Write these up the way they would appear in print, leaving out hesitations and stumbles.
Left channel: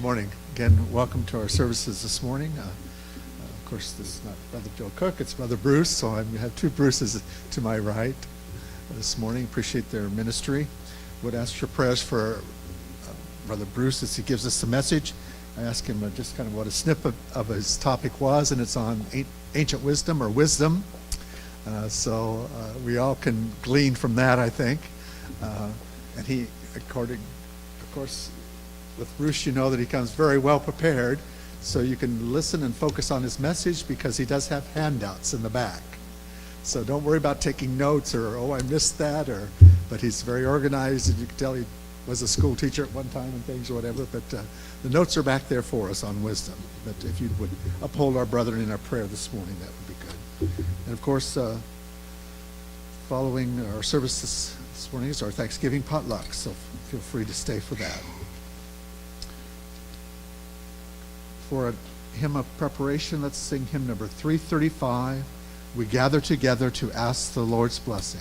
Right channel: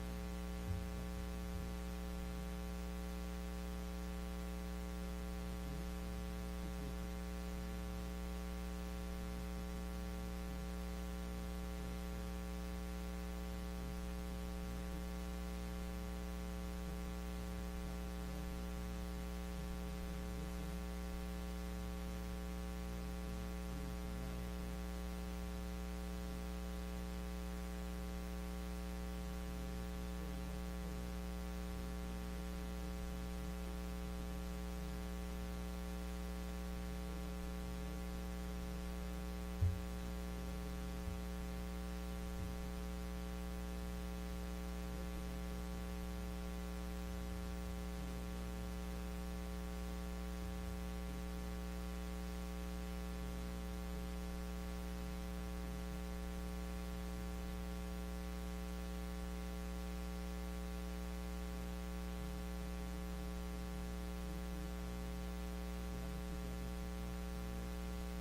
Good morning. Again, welcome to our services this morning. Of course, this is not Brother Joe Cook, it's Brother Bruce, so I have two Bruces to my right this morning. Appreciate their ministry. Would ask for prayers for Brother Bruce as he gives us the message. I asked him just kind of what a snippet of his topic was, and it's on ancient wisdom or wisdom. So we all can glean from that, I think. And he, of course, with Bruce, you know that he comes very well prepared, so you can listen and focus on his message because he does have handouts in the back. So don't worry about taking notes or, oh, I missed that, but he's very organized, and you can tell he was a school teacher at one time and things or whatever, but the notes are back there for us on wisdom. But if you would uphold our brethren in our prayer this morning, that would be good. And of course, following our service this morning is our Thanksgiving potluck, so feel free to stay for that. For a hymn of preparation, let's sing hymn number 335. We gather together to ask the Lord's blessing.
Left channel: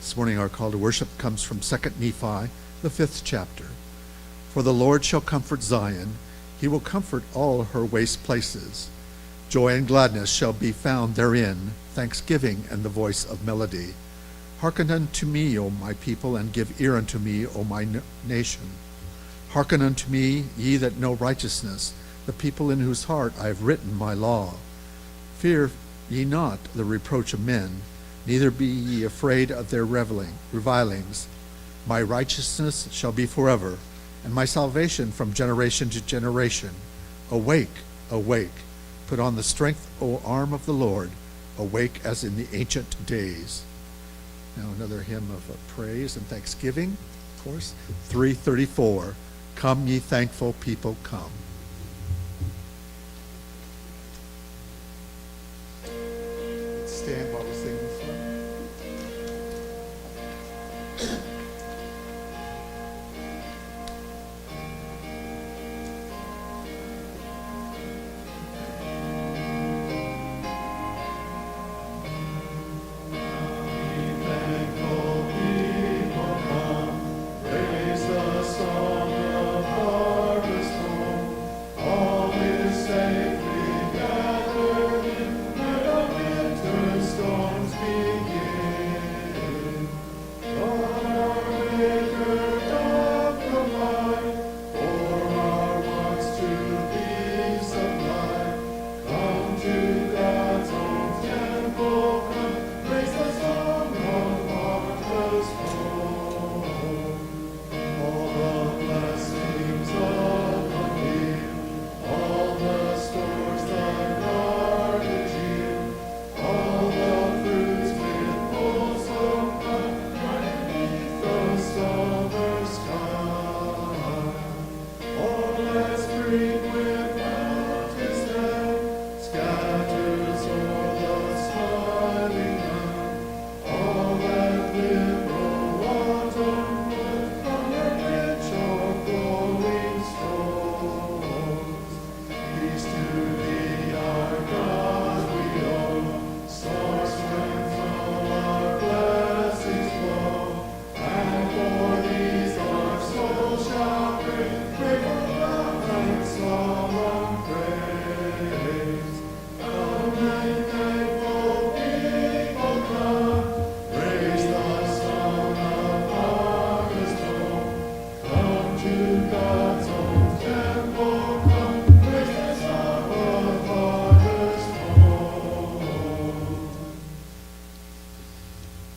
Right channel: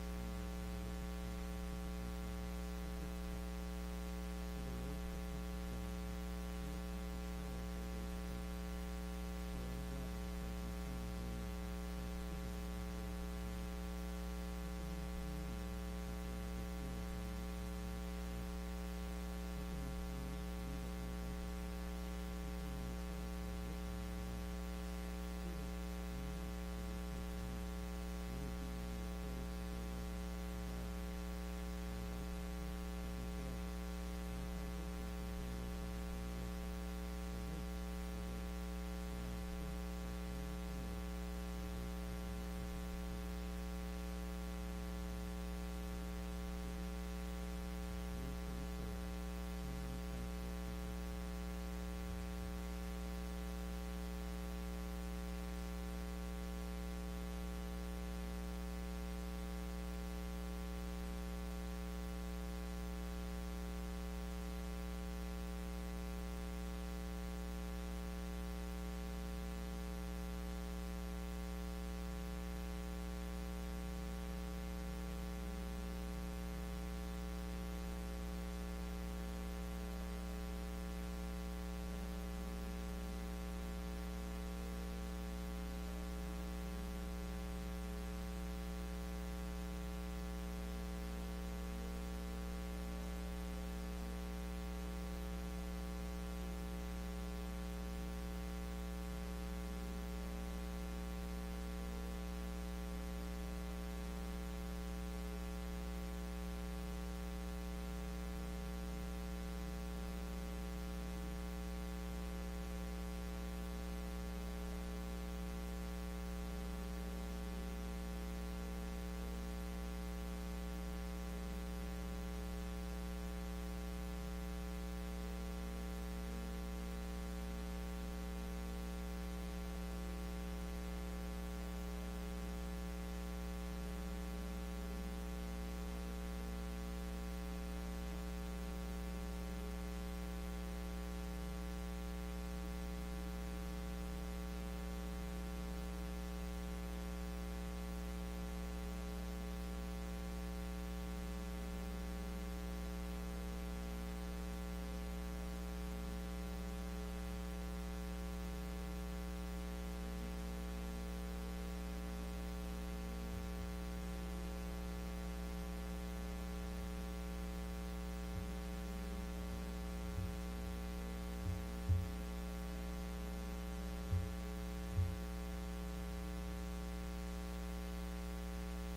This morning our call to worship comes from 2 Nephi, the 5th chapter. For the Lord shall comfort Zion, he will comfort all her waste places. Joy and gladness shall be found therein, thanksgiving and the voice of melody. Hearken unto me, O my people, and give ear unto me, O my nation. Hearken unto me, ye that know righteousness, the people in whose heart I have written my law. Fear ye not the reproach of men, neither be ye afraid of their revilings. My righteousness shall be forever, and my salvation from generation to generation. Awake, awake, put on the strength, O arm of the Lord, awake as in the ancient days. Now another hymn of praise and thanksgiving, of course, 334. Come ye thankful people, come. Stand while we sing this one. Praise the song of harvest home.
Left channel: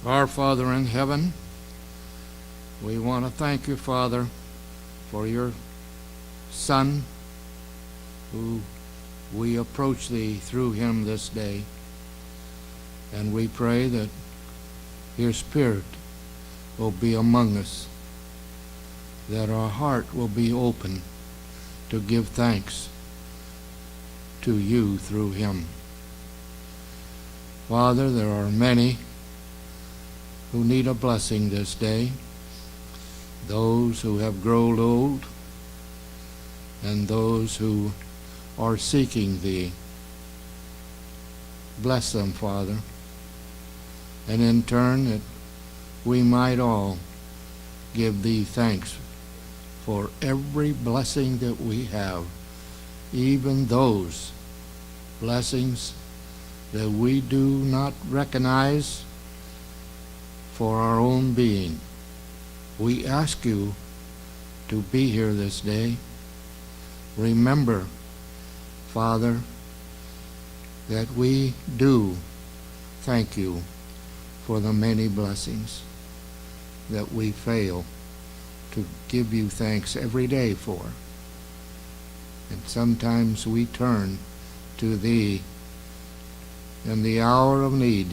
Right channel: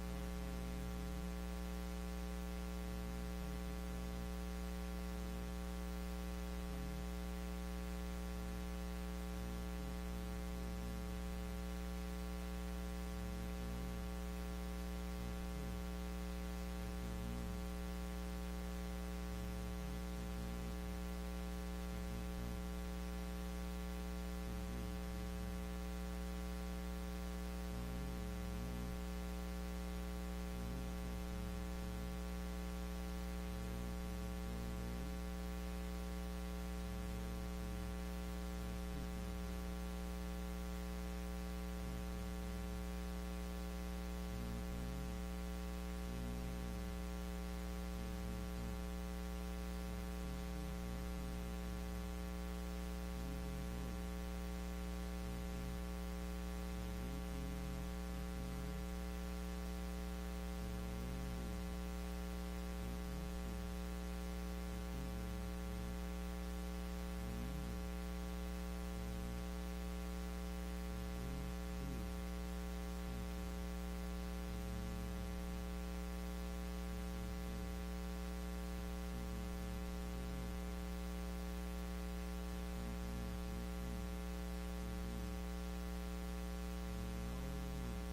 Our Father in heaven, we want to thank you, Father, for your Son, who we approach thee through him this day. And we pray that your Spirit will be among us, that our heart will be open to give thanks to you through him. Father, there are many who need a blessing this day, those who have grown old and those who are seeking thee. Bless them, Father, and in turn that we might all give thee thanks for every blessing that we have, even those blessings that we do not recognize for our own being. We ask you to be here this day. Remember, Father, that we do thank you for the many blessings that we fail to give you thanks every day for. And sometimes we turn to thee in the hour of need.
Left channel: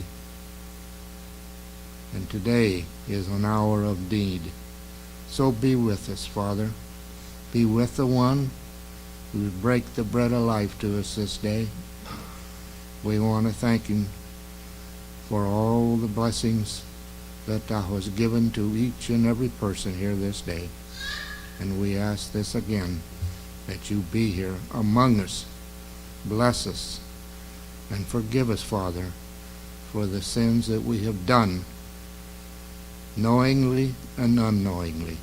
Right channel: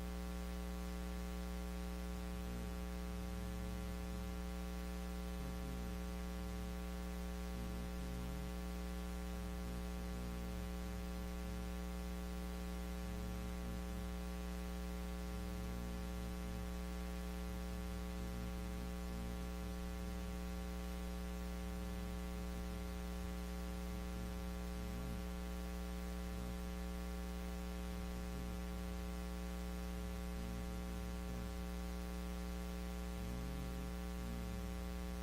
And today is an hour of need. So be with us, Father. Be with the one who would break the bread of life to us this day. We want to thank him for all the blessings that thou hast given to each and every person here this day. And we ask this again, that you be here among us. Bless us and forgive us, Father, for the sins that we have done, knowingly and unknowingly.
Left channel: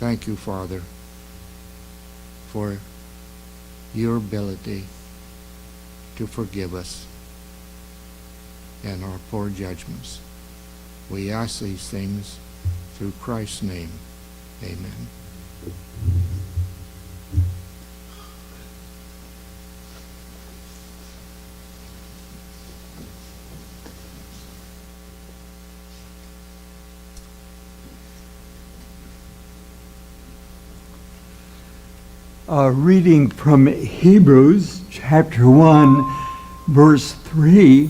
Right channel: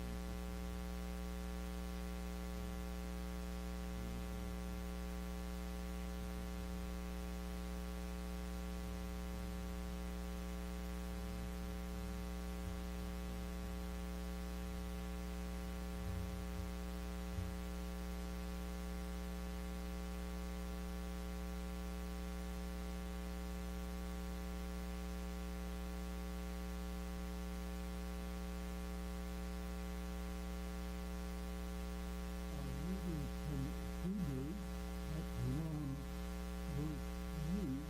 Thank you, Father, for your ability to forgive us and our poor judgments. We ask these things through Christ's name. Amen. Reading from Hebrews chapter 1, verse 3,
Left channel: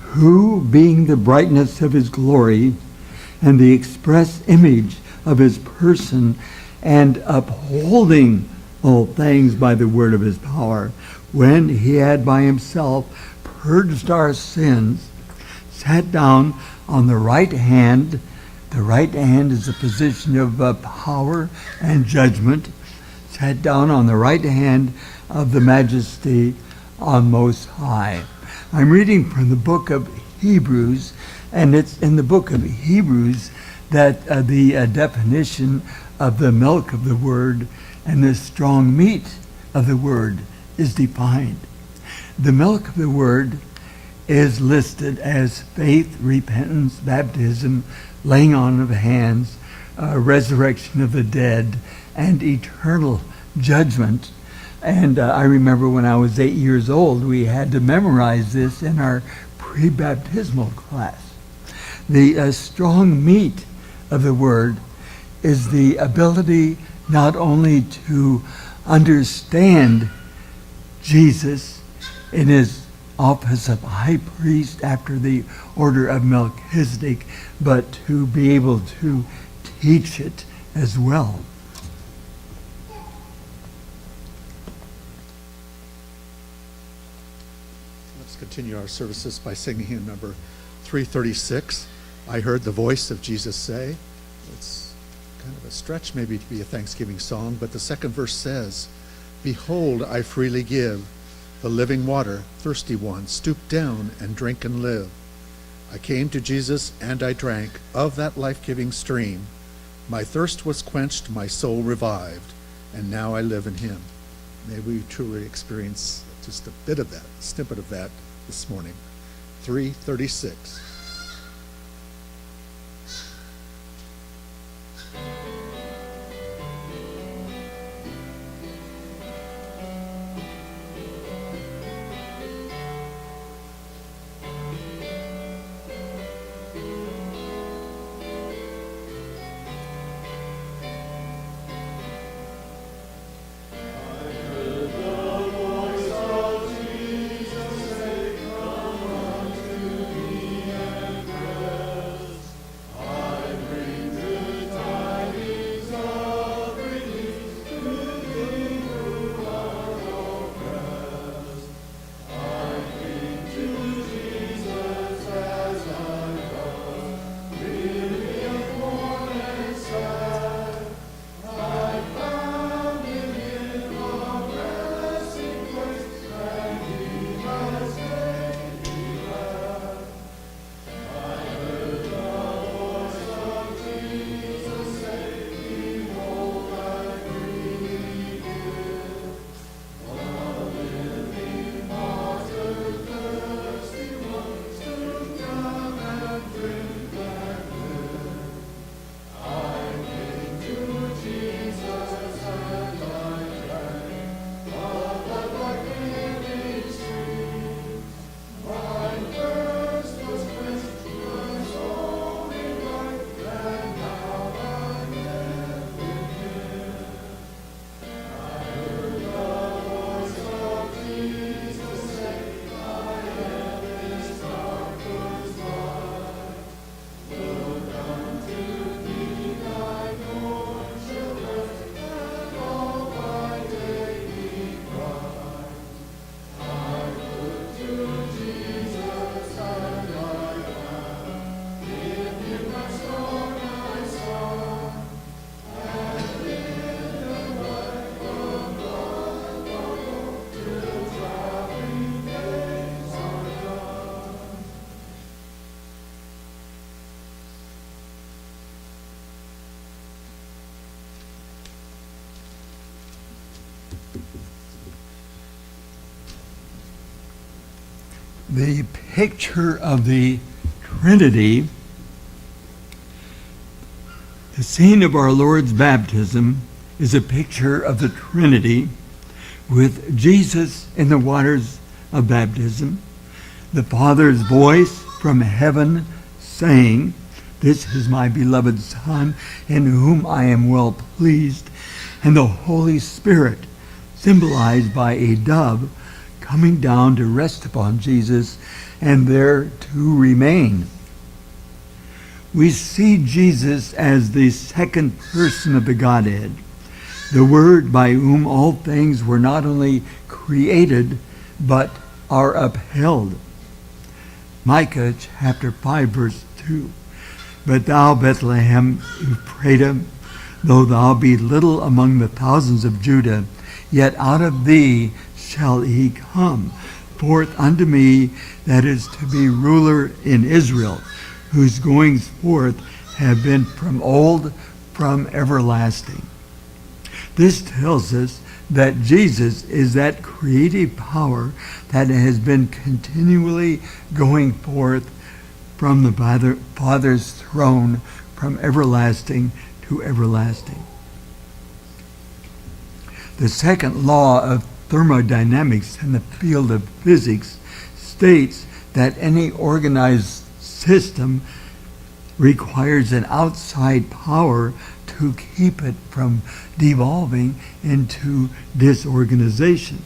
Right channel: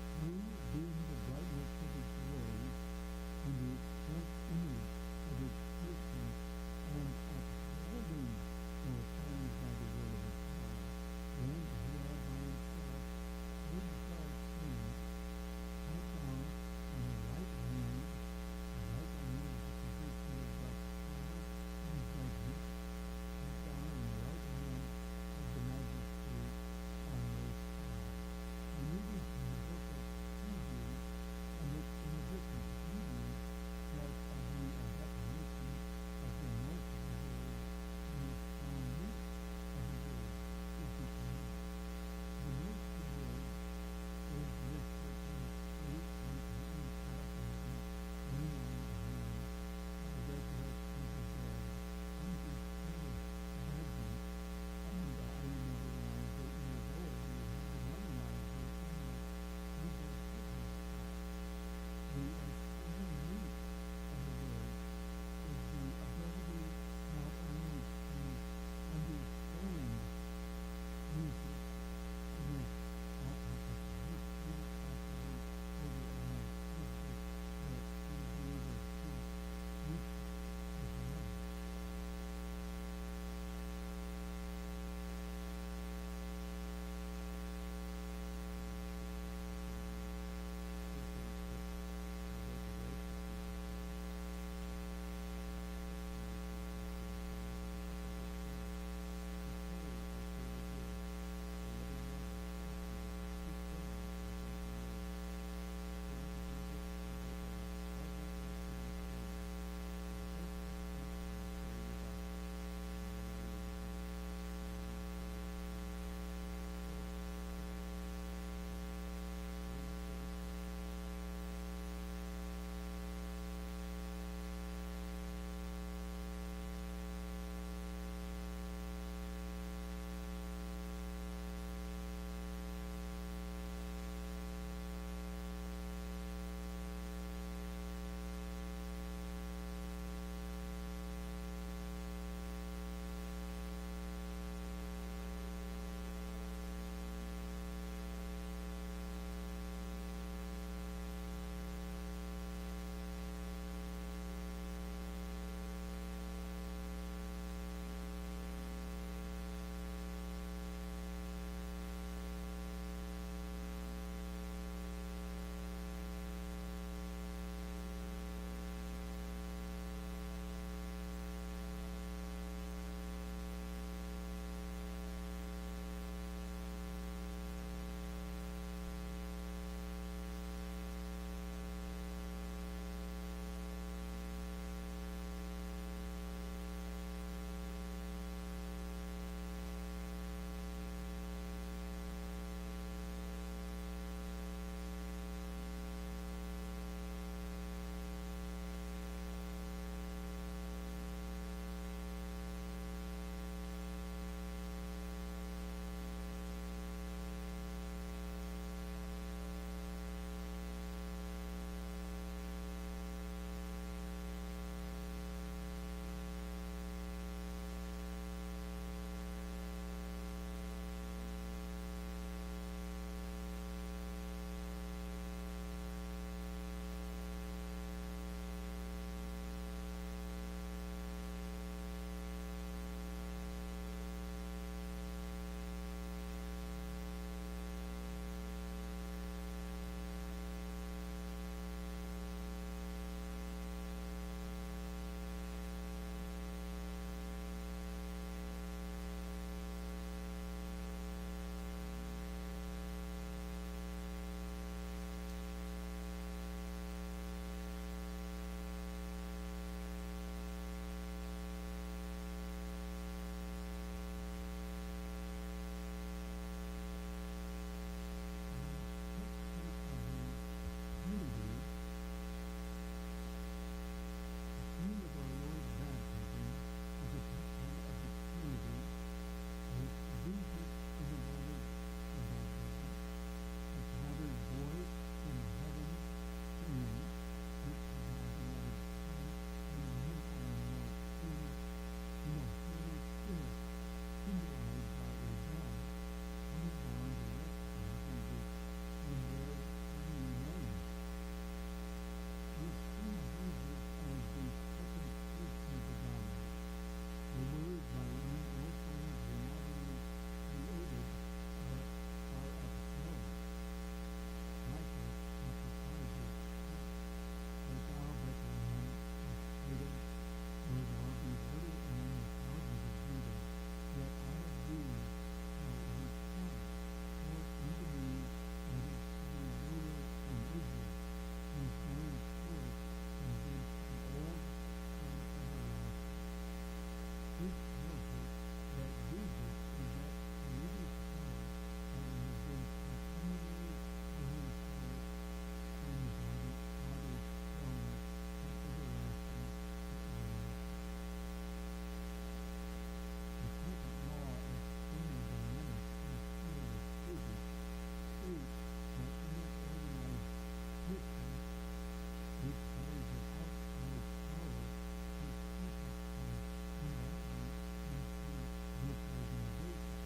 who, being the brightness of his glory and the express image of his person, and upholding all things by the word of his power, when he had by himself purged our sins, sat down on the right hand. The right hand is a position of power and judgment. Sat down on the right hand of the majesty on most high. I'm reading from the book of Hebrews, and it's in the book of Hebrews that the definition of the milk of the word and the strong meat of the word is defined. The milk of the word is listed as faith, repentance, baptism, laying on of hands, resurrection of the dead, and eternal judgment. And I remember when I was 8 years old, we had to memorize this in our pre-baptismal class. The strong meat of the word is the ability not only to understand Jesus in his office of high priest after the order of Melchizedek, but to be able to teach it as well. Let's continue our services by singing hymn number 336. I heard the voice of Jesus say. It's kind of a stretch maybe to be a Thanksgiving song, but the second verse says, behold, I freely give the living water, thirsty one, stoop down and drink and live. I came to Jesus and I drank of that life-giving stream. My thirst was quenched, my soul revived, and now I live in him. May we truly experience just a bit of that, a snippet of that this morning. 336. the picture of the Trinity, the scene of our Lord's baptism is a picture of the Trinity with Jesus in the waters of baptism, the Father's voice from heaven saying, "This is my beloved Son, in whom I am well pleased," and the Holy Spirit, symbolized by a dove, coming down to rest upon Jesus and there to remain. We see Jesus as the second person of the Godhead, the Word by whom all things were not only created, but are upheld. Micah chapter 5, verse 2. "But thou, Bethlehem Ephraim, though thou be little among the thousands of Judah, yet out of thee shall he come forth unto me that is to be ruler in Israel, whose goings forth have been from old, from everlasting." This tells us that Jesus is that creative power that has been continually going forth from the Father's throne from everlasting to everlasting. The second law of thermodynamics in the field of physics states that any organized system requires an outside power to keep it from devolving into disorganization.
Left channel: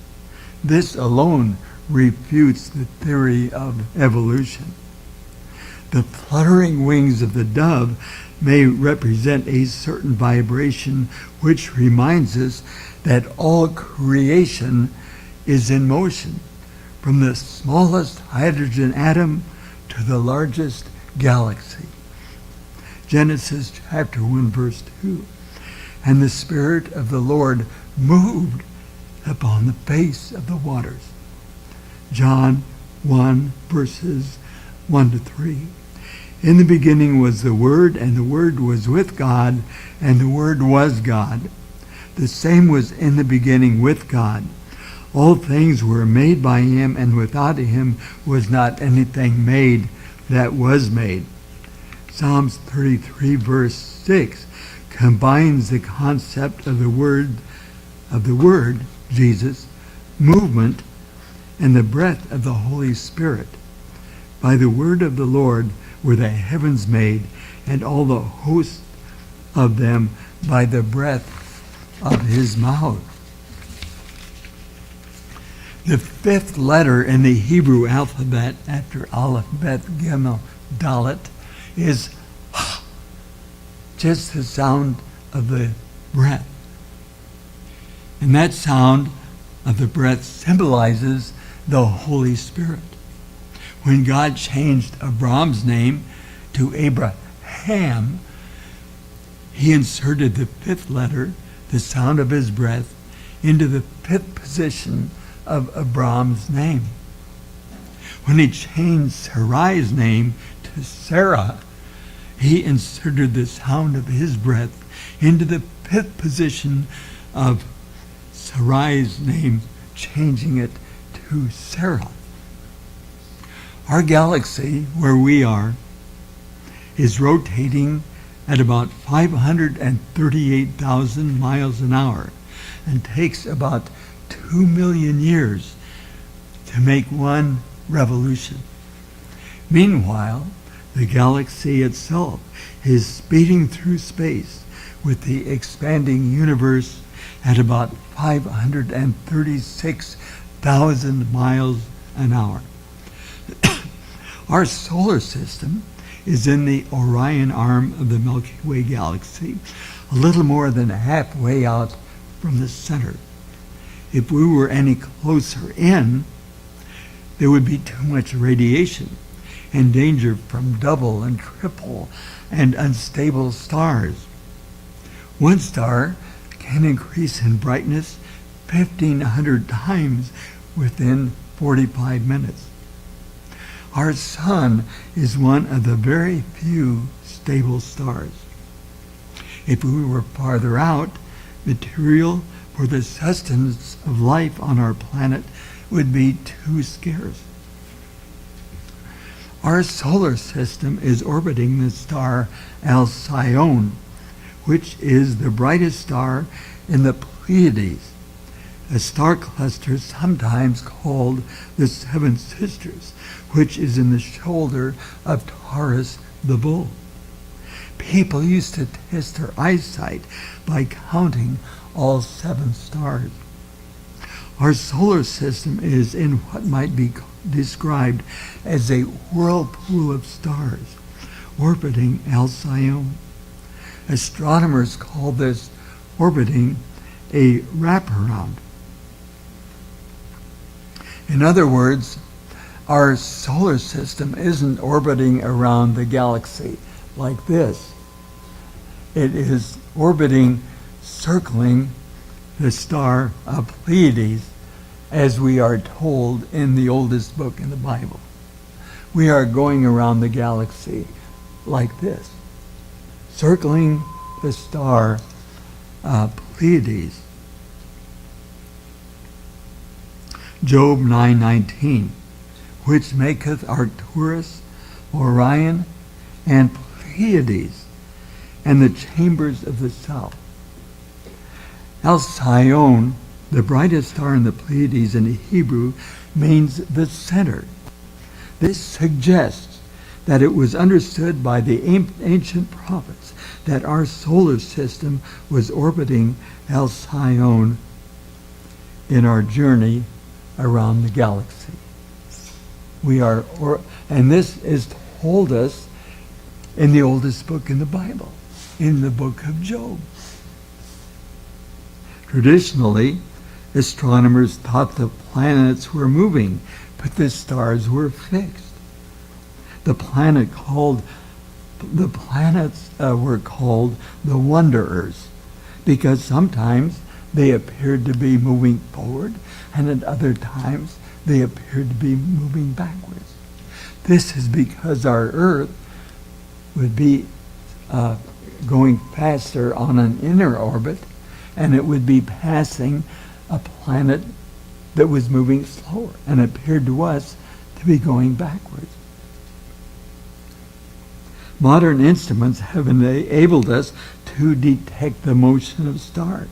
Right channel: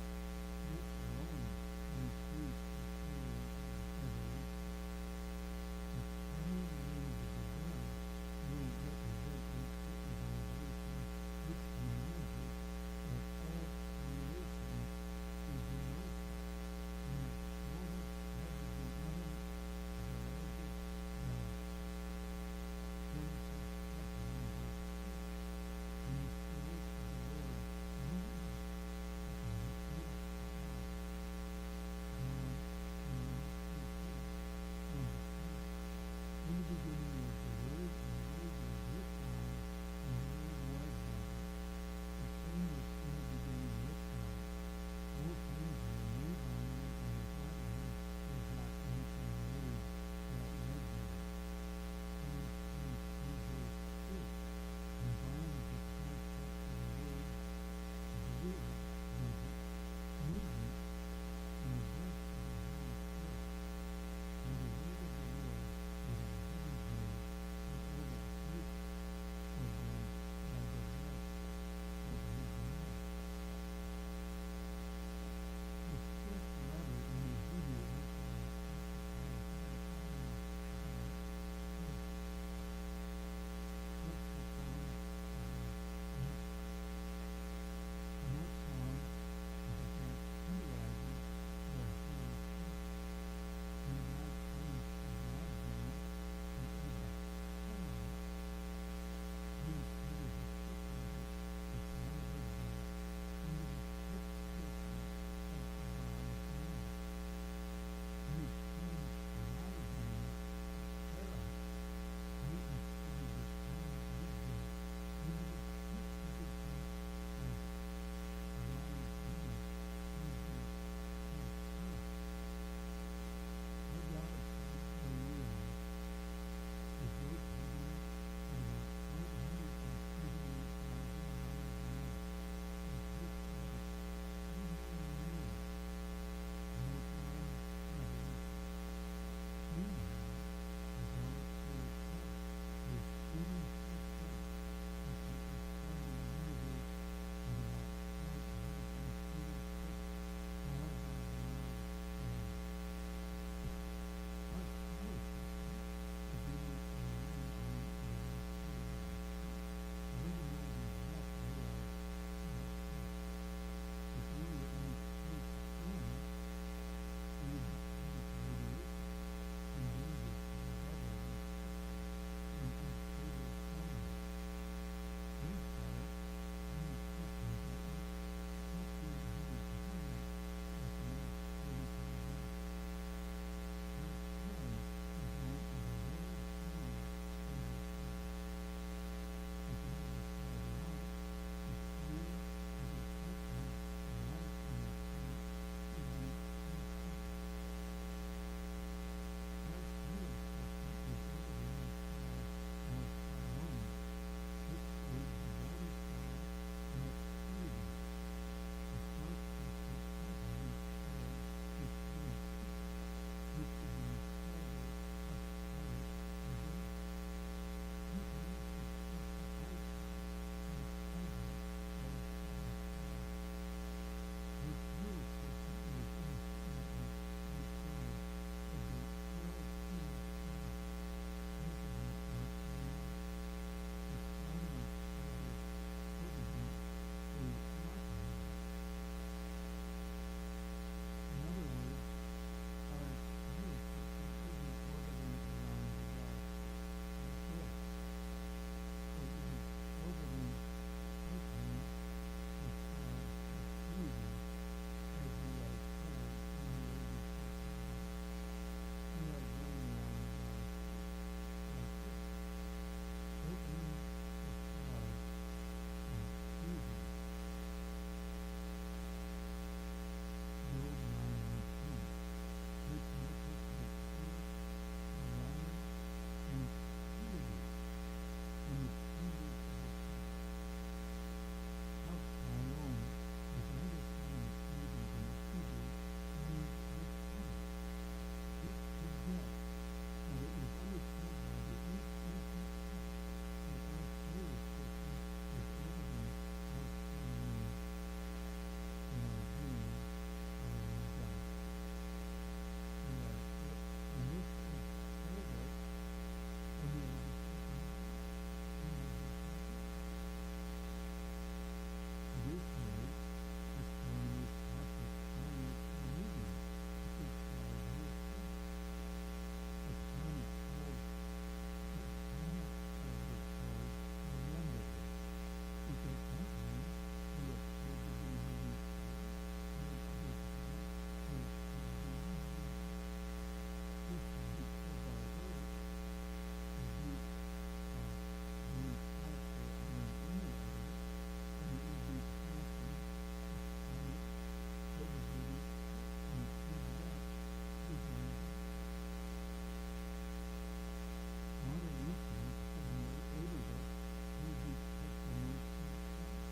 This alone refutes the theory of evolution. The fluttering wings of the dove may represent a certain vibration which reminds us that all creation is in motion, from the smallest hydrogen atom to the largest galaxy. Genesis chapter 1, verse 2. "And the Spirit of the Lord moved upon the face of the waters." John 1, verses 1 to 3. "In the beginning was the Word, and the Word was with God, and the Word was God. The same was in the beginning with God. All things were made by him, and without him was not anything made that was made." Psalms 33, verse 6, combines the concept of the Word, Jesus, movement, and the breath of the Holy Spirit. "By the word of the Lord were the heavens made, and all the hosts of them by the breath of his mouth." The fifth letter in the Hebrew alphabet after Aleph, Bet, Gimel, Dalet is just the sound of the breath. And that sound of the breath symbolizes the Holy Spirit. When God changed Abram's name to Abraham, he inserted the fifth letter, the sound of his breath, into the fifth position of Abram's name. When he changed Sarai's name to Sarah, he inserted the sound of his breath into the fifth position of Sarai's name, changing it to Sarah. Our galaxy, where we are, is rotating at about 538,000 miles an hour and takes about 2 million years to make one revolution. Meanwhile, the galaxy itself is speeding through space with the expanding universe at about 536,000 miles an hour. Our solar system is in the Orion arm of the Milky Way galaxy, a little more than halfway out from the center. If we were any closer in, there would be too much radiation and danger from double and triple and unstable stars. One star can increase in brightness 1,500 times within 45 minutes. Our sun is one of the very few stable stars. If we were farther out, material for the sustenance of life on our planet would be too scarce. Our solar system is orbiting the star Alcyone, which is the brightest star in the Pleiades, a star cluster sometimes called the Seven Sisters, which is in the shoulder of Taurus the bull. People used to test their eyesight by counting all 7 stars. Our solar system is in what might be described as a whirlpool of stars orbiting Alcyone. Astronomers call this orbiting a wraparound. In other words, our solar system isn't orbiting around the galaxy like this. It is orbiting, circling the star of Pleiades, as we are told in the oldest book in the Bible. We are going around the galaxy like this, circling the star Pleiades. Job 9:19, which maketh Arcturus, Orion, and Pleiades, and the chambers of the south. Alcyone, the brightest star in the Pleiades in Hebrew, means the center. This suggests that it was understood by the ancient prophets that our solar system was orbiting Alcyone in our journey around the galaxy. And this is told us in the oldest book in the Bible, in the book of Job. Traditionally, astronomers thought the planets were moving, but the stars were fixed. The planets were called the wanderers because sometimes they appeared to be moving forward, and at other times they appeared to be moving backwards. This is because our Earth would be going faster on an inner orbit, and it would be passing a planet that was moving slower and appeared to us to be going backwards. Modern instruments have enabled us to detect the motion of stars.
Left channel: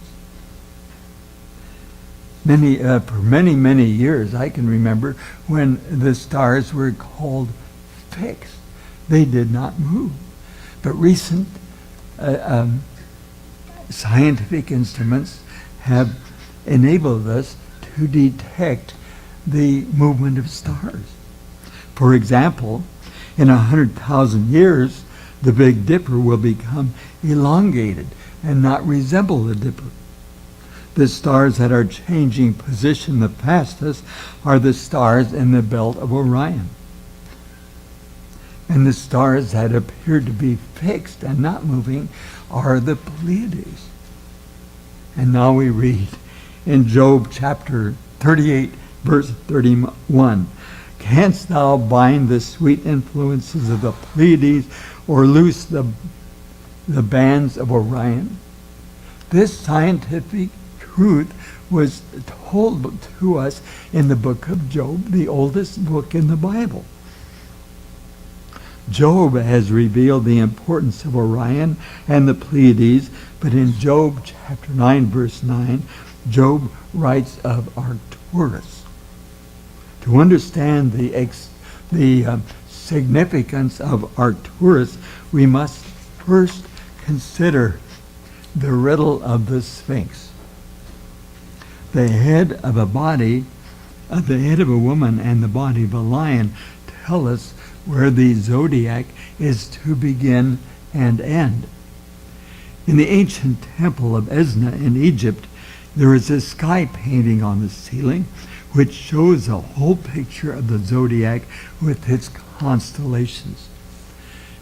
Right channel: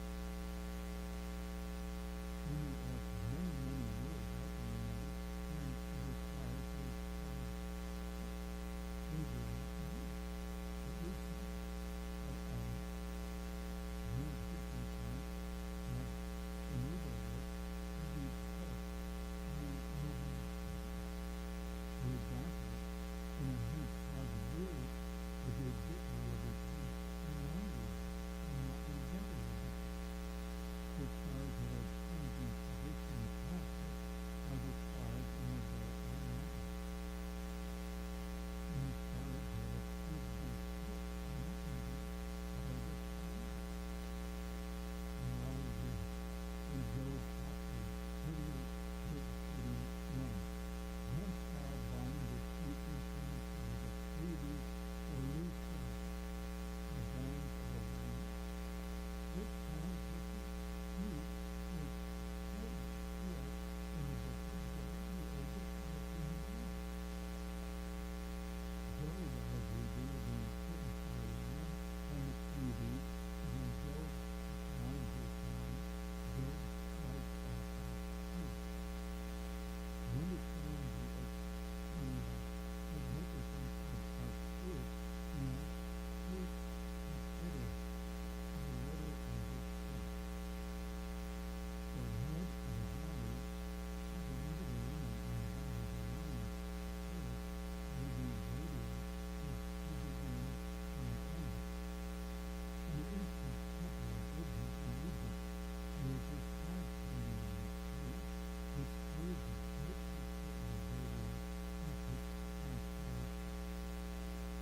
For many years, I can remember when the stars were called fixed. They did not move. But recent scientific instruments have enabled us to detect the movement of stars. For example, in 100,000 years, the Big Dipper will become elongated and not resemble the Dipper. The stars that are changing position the fastest are the stars in the belt of Orion. And the stars that appear to be fixed and not moving are the Pleiades. And now we read in Job chapter 38, verse 31, "Canst thou bind the sweet influences of the Pleiades or loose the bands of Orion?" This scientific truth was told to us in the book of Job, the oldest book in the Bible. Job has revealed the importance of Orion and the Pleiades, but in Job chapter 9, verse 9, Job writes of Arcturus. To understand the significance of Arcturus, we must first consider the riddle of the Sphinx. The head of a woman and the body of a lion tell us where the zodiac is to begin and end. In the ancient temple of Esna in Egypt, there is a sky painting on the ceiling which shows a whole picture of the zodiac with its constellations.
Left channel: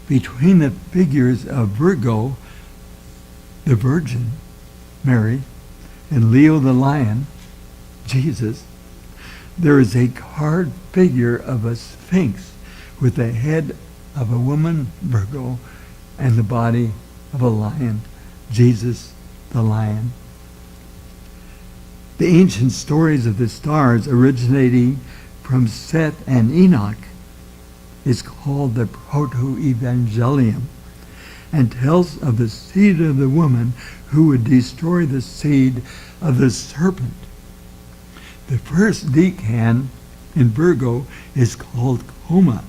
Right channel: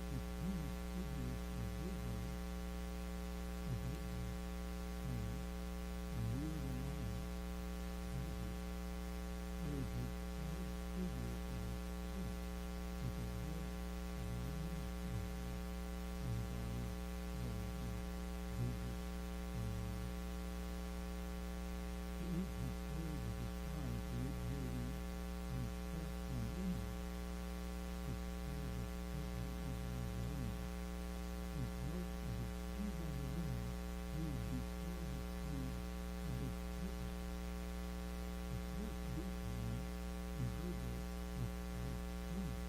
Between the figures of Virgo, the Virgin, Mary, and Leo the lion, Jesus, there is a carved figure of a sphinx with the head of a woman, Virgo, and the body of a lion, Jesus the lion. The ancient stories of the stars originating from Seth and Enoch is called the Proto-Evangelium and tells of the seed of the woman who would destroy the seed of the serpent. The first decan in Virgo is called Coma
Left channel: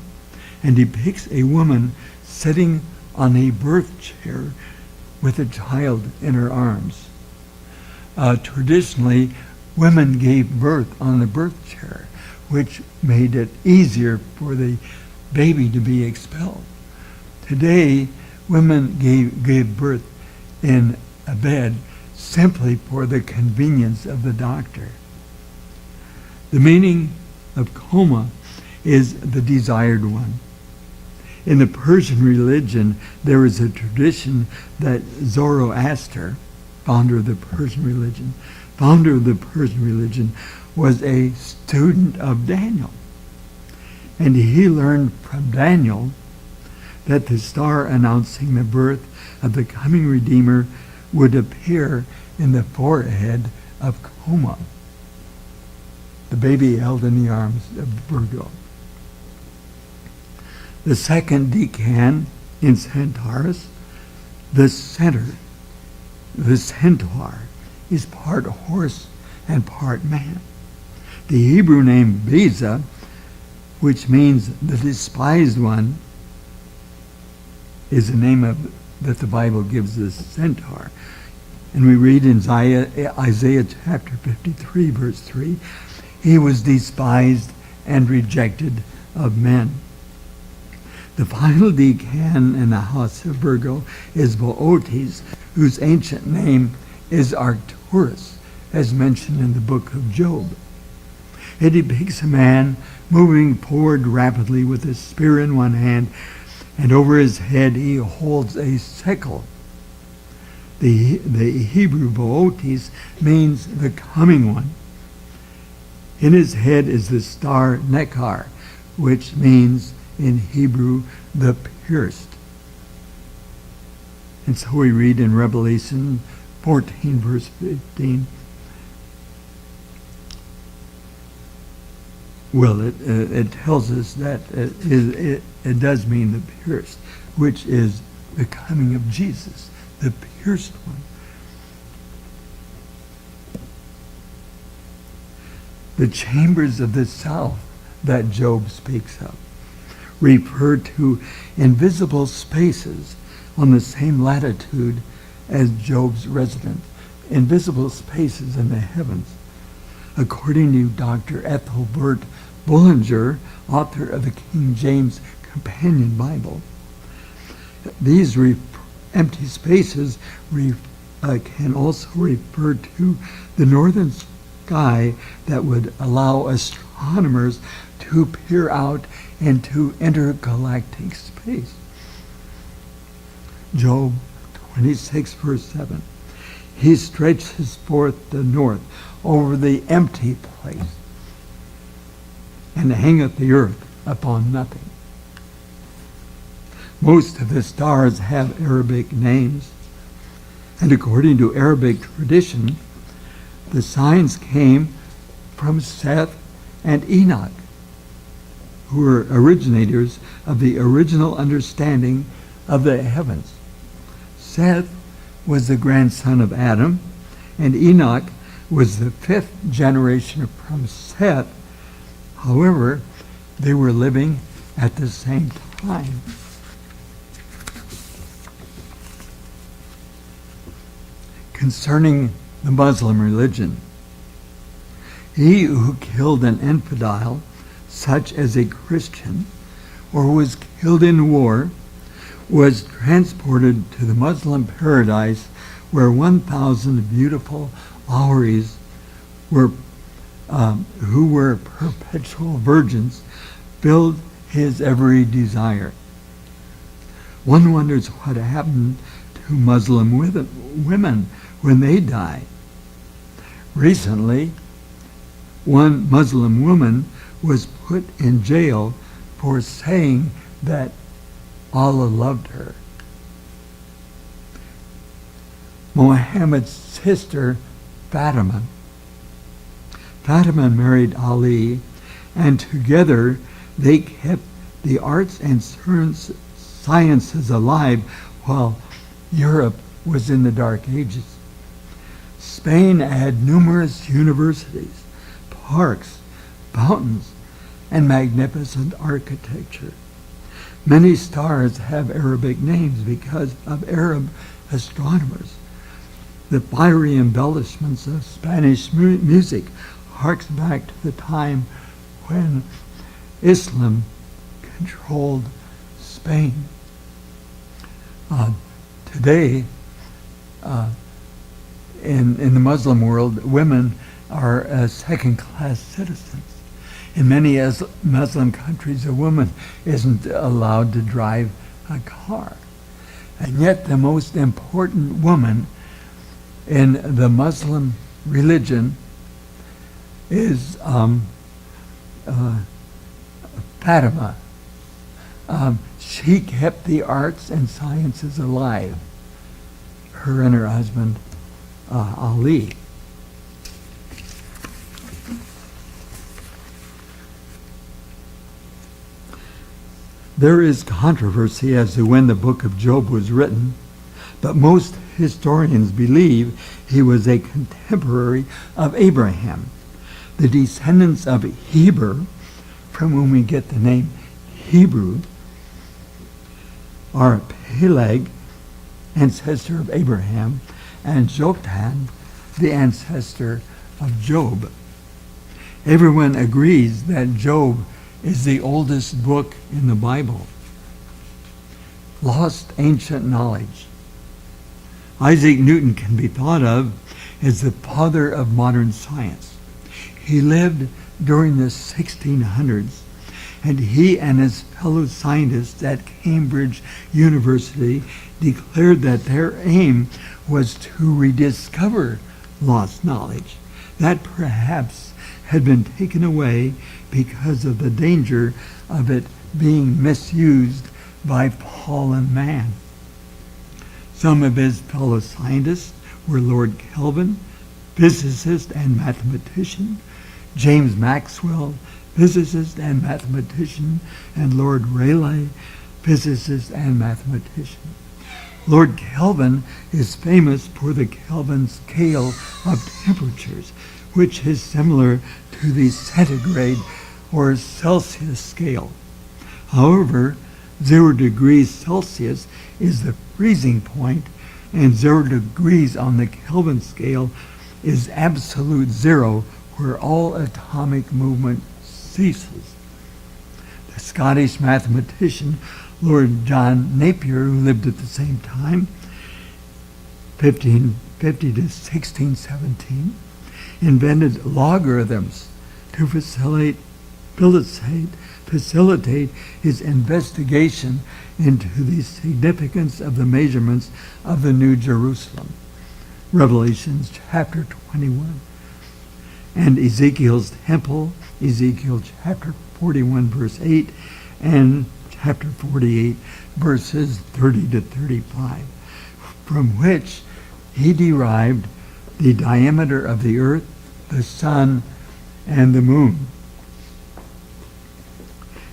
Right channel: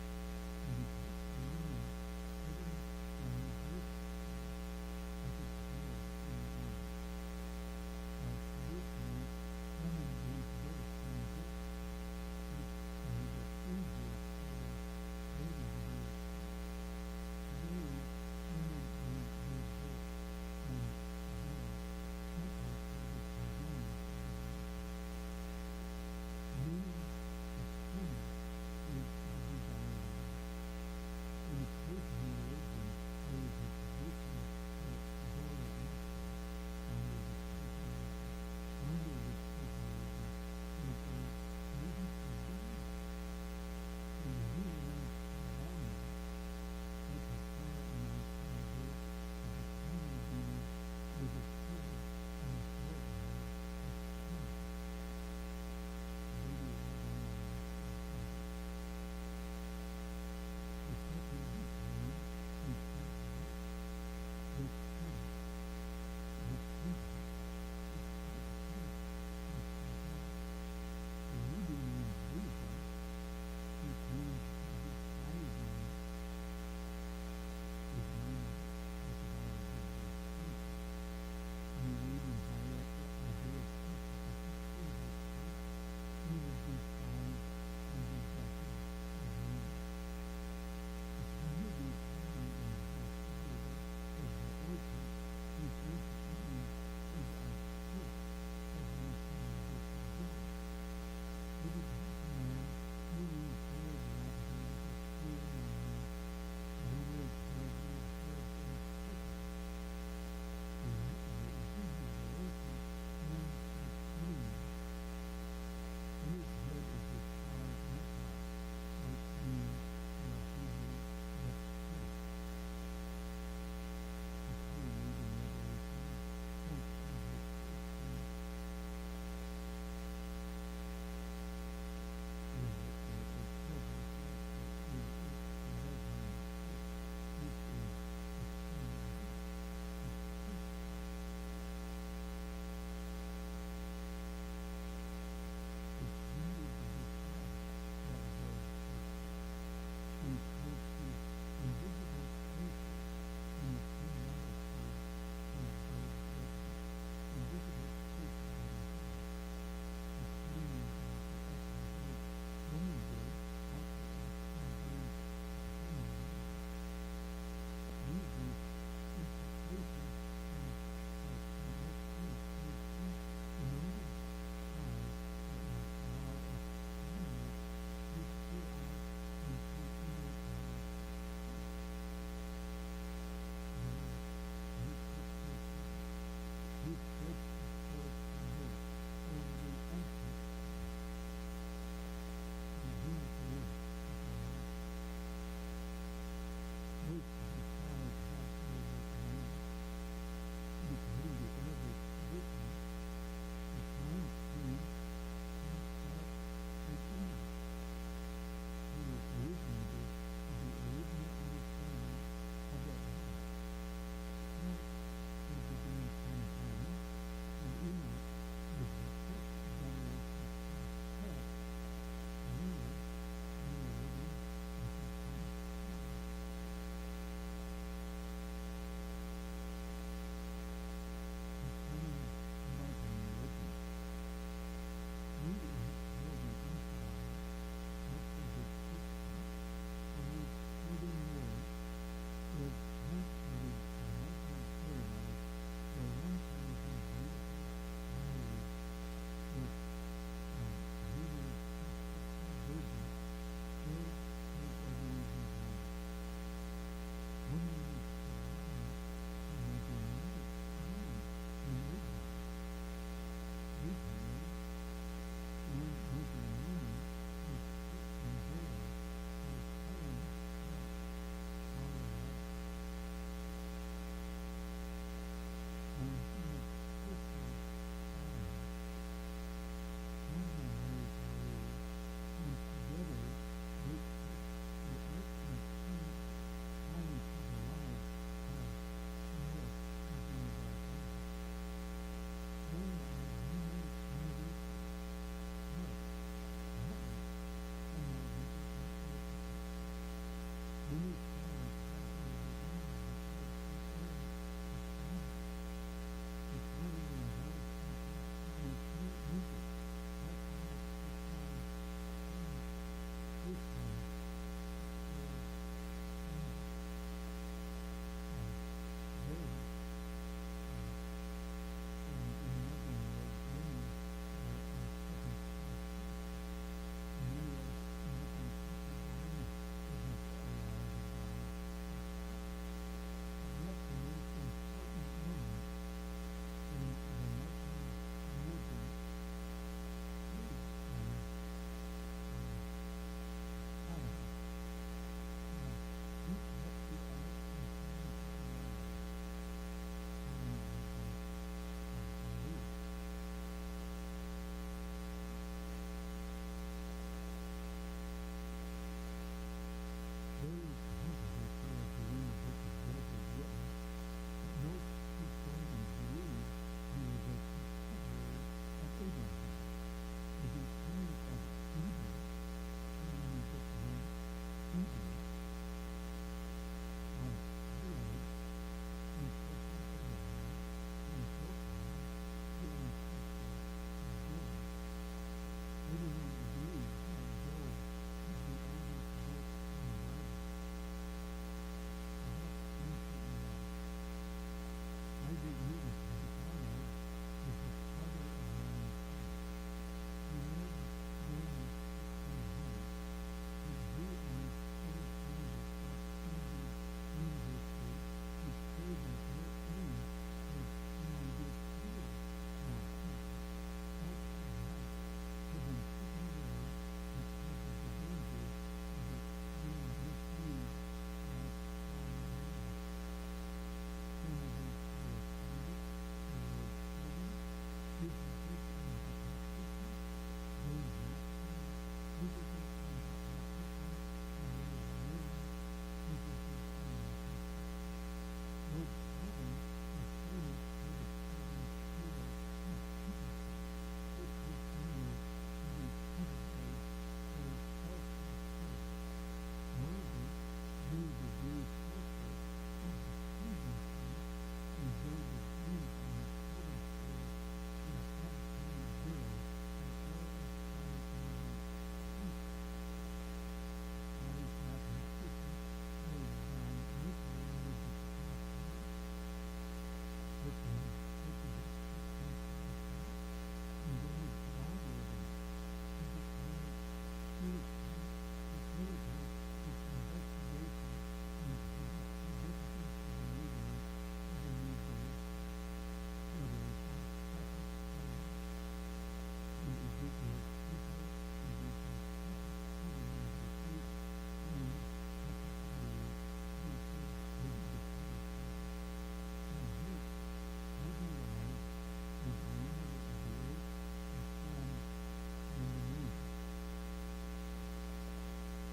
and depicts a woman sitting on a birth chair with a child in her arms. Traditionally, women gave birth on the birth chair, which made it easier for the baby to be expelled. Today, women gave birth in a bed simply for the convenience of the doctor. The meaning of coma is the desired one. In the Persian religion, there is a tradition that Zoroaster, founder of the Persian religion, was a student of Daniel. And he learned from Daniel that the star announcing the birth of the coming Redeemer would appear in the forehead of Coma, the baby held in the arms of Virgo. The second decan in Centaurus, the centaur, is part horse and part man. The Hebrew name Beza, which means the despised one, is the name that the Bible gives the centaur. And we read in Isaiah chapter 53, verse 3, he was despised and rejected of men. The final decan in the house of Virgo is Boötes, whose ancient name is Arcturus, as mentioned in the book of Job. It depicts a man moving forward rapidly with a spear in one hand, and over his head he holds a sickle. The Hebrew Boötes means the coming one. In his head is the star Nekkar, which means in Hebrew the pierced. And so we read in Revelation 14, verse 15. Well, it tells us that it does mean the pierced, which is the coming of Jesus, the pierced one. The chambers of the south that Job speaks of refer to invisible spaces on the same latitude as Job's residence, invisible spaces in the heavens. According to Dr. Ethelbert Bullinger, author of the King James Companion Bible, these empty spaces can also refer to the northern sky that would allow astronomers to peer out into intergalactic space. Job 26, verse 7. He stretches forth the north over the empty place, and hangeth the earth upon nothing. Most of the stars have Arabic names, and according to Arabic tradition, the signs came from Seth and Enoch, who were originators of the original understanding of the heavens. Seth was the grandson of Adam, and Enoch was the fifth generation from Seth. However, they were living at the same time. Concerning the Muslim religion, he who killed an infidel, such as a Christian, or was killed in war, was transported to the Muslim paradise where 1,000 beautiful houris were, who were perpetual virgins, filled his every desire. One wonders what happened to Muslim women when they die. Recently, one Muslim woman was put in jail for saying that Allah loved her. Muhammad's sister, Fatima married Ali, and together they kept the arts and sciences alive while Europe was in the Dark Ages. Spain had numerous universities, parks, fountains, and magnificent architecture. Many stars have Arabic names because of Arab astronomers. The fiery embellishments of Spanish music harks back to the time when Islam controlled Spain. Today, in the Muslim world, women are second-class citizens. In many Muslim countries, a woman isn't allowed to drive a car. And yet the most important woman in the Muslim religion is Fatima. She kept the arts and sciences alive, her and her husband Ali. There is controversy as to when the book of Job was written, but most historians believe he was a contemporary of Abraham. The descendants of Heber, from whom we get the name Hebrew, are Peleg, ancestor of Abraham, and Joktan, the ancestor of Job. Everyone agrees that Job is the oldest book in the Bible. Lost ancient knowledge. Isaac Newton can be thought of as the father of modern science. He lived during the 1600s, and he and his fellow scientists at Cambridge University declared that their aim was to rediscover lost knowledge that perhaps had been taken away because of the danger of it being misused by fallen man. Some of his fellow scientists were Lord Kelvin, physicist and mathematician, James Maxwell, physicist and mathematician, and Lord Rayleigh, physicist and mathematician. Lord Kelvin is famous for the Kelvin scale of temperatures, which is similar to the centigrade or Celsius scale. However, 0 degrees Celsius is the freezing point, and 0 degrees on the Kelvin scale is absolute zero, where all atomic movement ceases. The Scottish mathematician Lord John Napier, who lived at the same time, 1550 to 1617, invented logarithms to facilitate his investigation into the significance of the measurements of the New Jerusalem. Revelations chapter 21. And Ezekiel's temple, Ezekiel chapter 41 verse 8, and chapter 48 verses 30 to 35, from which he derived the diameter of the earth, the sun, and the moon.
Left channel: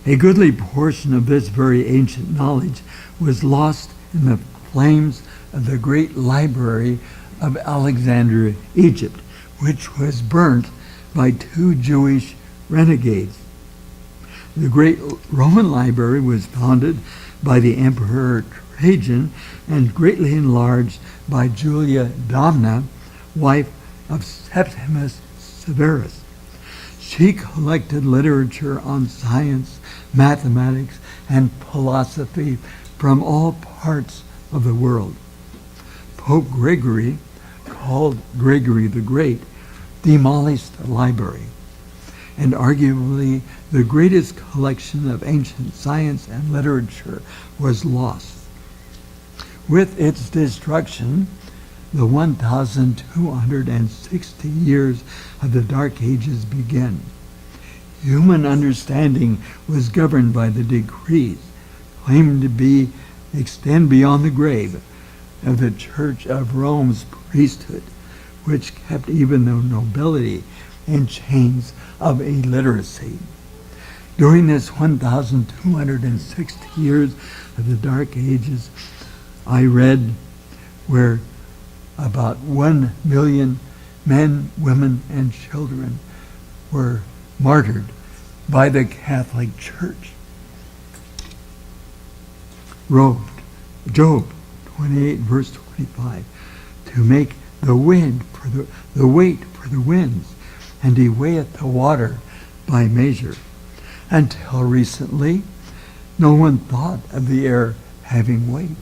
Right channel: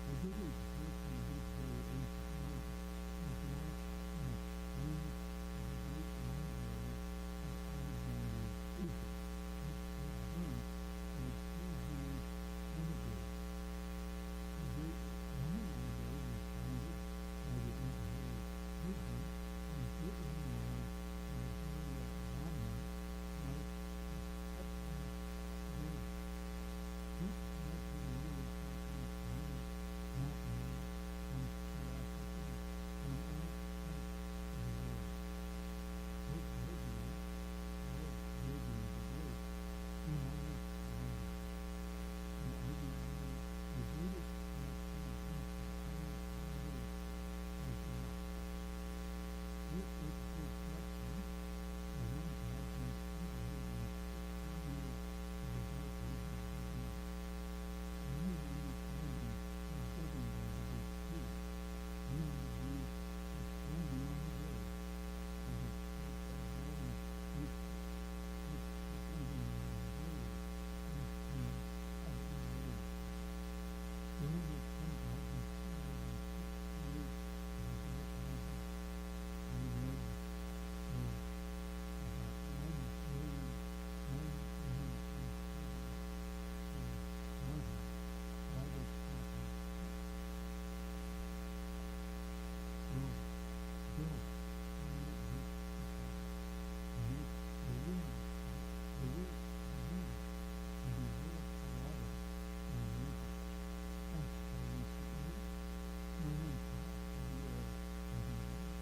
A goodly portion of this very ancient knowledge was lost in the flames of the great library of Alexandria, Egypt, which was burnt by 2 Jewish renegades. The great Roman library was founded by the Emperor Trajan and greatly enlarged by Julia Domna, wife of Septimus Severus. She collected literature on science, mathematics, and philosophy from all parts of the world. Pope Gregory, called Gregory the Great, demolished the library, and arguably the greatest collection of ancient science and literature was lost. With its destruction, the 1,260 years of the Dark Ages began. Human understanding was governed by the decrees, claimed to extend beyond the grave, of the Church of Rome's priesthood, which kept even the nobility in chains of illiteracy. During this 1,260 years of the Dark Ages, I read where about 1 million men, women, and children were martyred by the Catholic Church. Job 28, verse 25, to make the weight for the winds, and he weigheth the water by measure. Until recently, no one thought of the air having weight,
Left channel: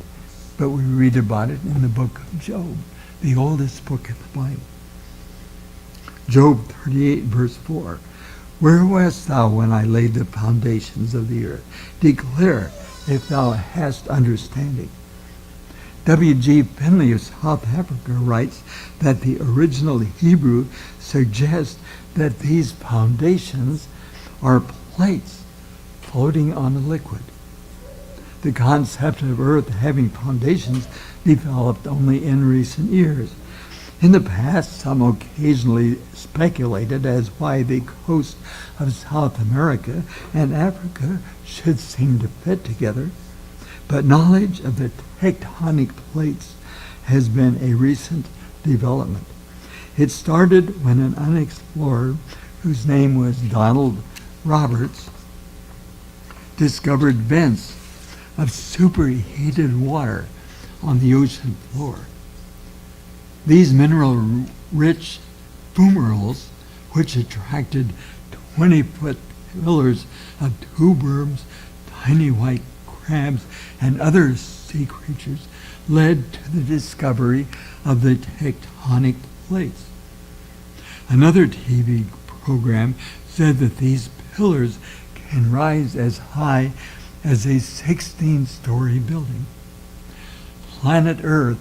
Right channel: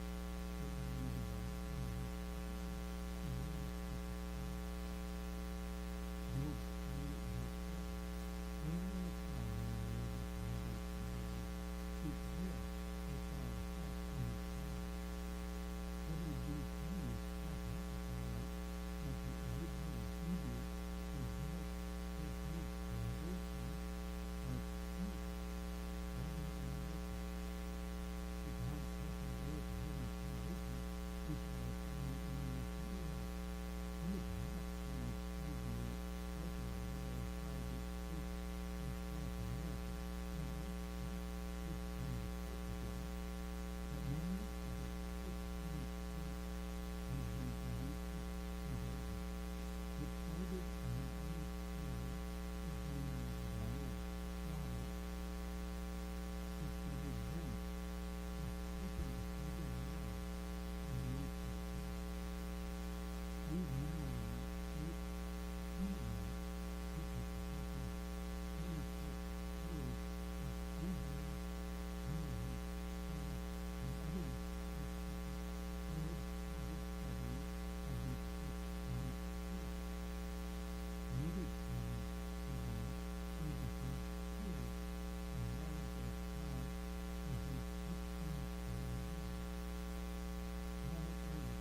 but we read about it in the book of Job, the oldest book of the Bible. Job 38, verse 4, where wast thou when I laid the foundations of the earth? Declare if thou hast understanding. W.G. Finley of South Africa writes that the original Hebrew suggests that these foundations are plates floating on a liquid. The concept of Earth having foundations developed only in recent years. In the past, some occasionally speculated as why the coast of South America and Africa should seem to fit together, but knowledge of the tectonic plates has been a recent development. It started when an unexplorer, whose name was Donald Roberts, discovered vents of superheated water on the ocean floor. These mineral-rich fumaroles, which attracted 20-foot pillars of tube worms, tiny white crabs, and other sea creatures, led to the discovery of the tectonic plates. Another TV program said that these pillars can rise as high as a 16-story building. Planet Earth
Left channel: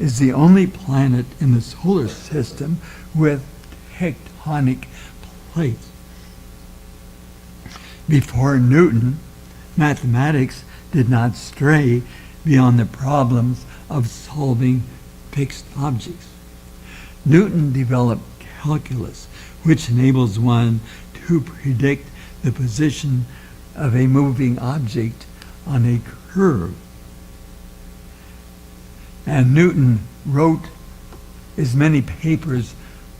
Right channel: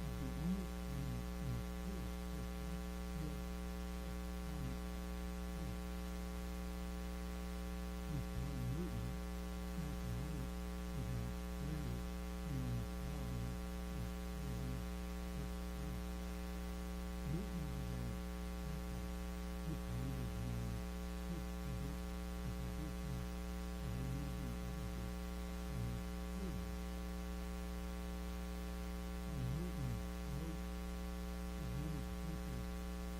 is the only planet in the solar system with tectonic plates. Before Newton, mathematics did not stray beyond the problems of solving fixed objects. Newton developed calculus, which enables one to predict the position of a moving object on a curve. And Newton wrote as many papers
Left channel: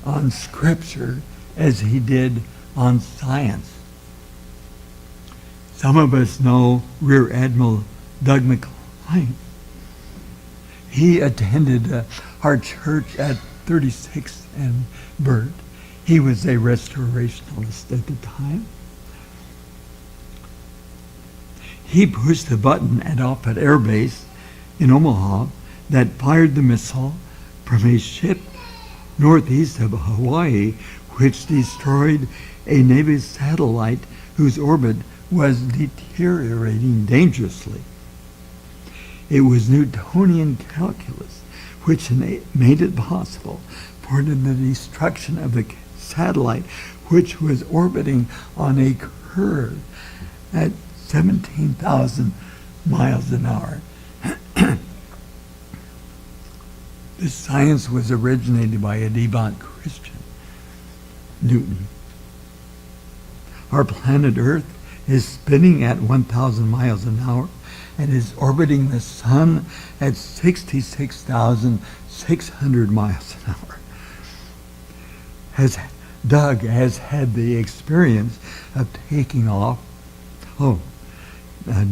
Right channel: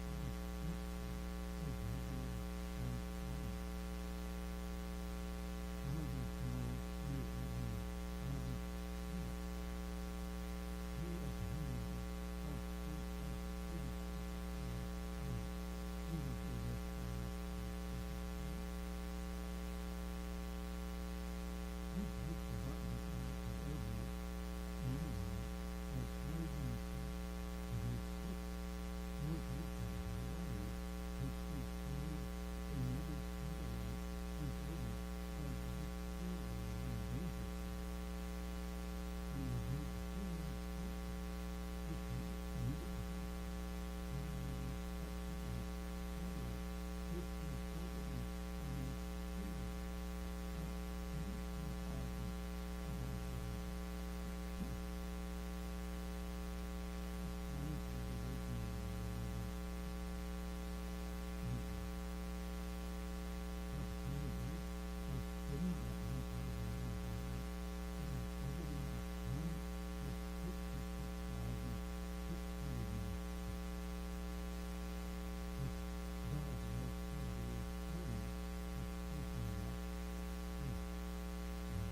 on scripture as he did on science. Some of us know Rear Admiral Doug McClain. He attended our church at 36th and Burt. He was a restorationist at the time. He pushed the button at Offutt Air Base in Omaha that fired the missile from a ship northeast of Hawaii, which destroyed a Navy satellite whose orbit was deteriorating dangerously. It was Newtonian calculus which made it possible for the destruction of the satellite, which was orbiting on a curve at 17,000 miles an hour. This science was originated by a devout Christian, Newton. Our planet Earth is spinning at 1,000 miles an hour and is orbiting the sun at 66,600 miles an hour. Doug has had the experience of taking off.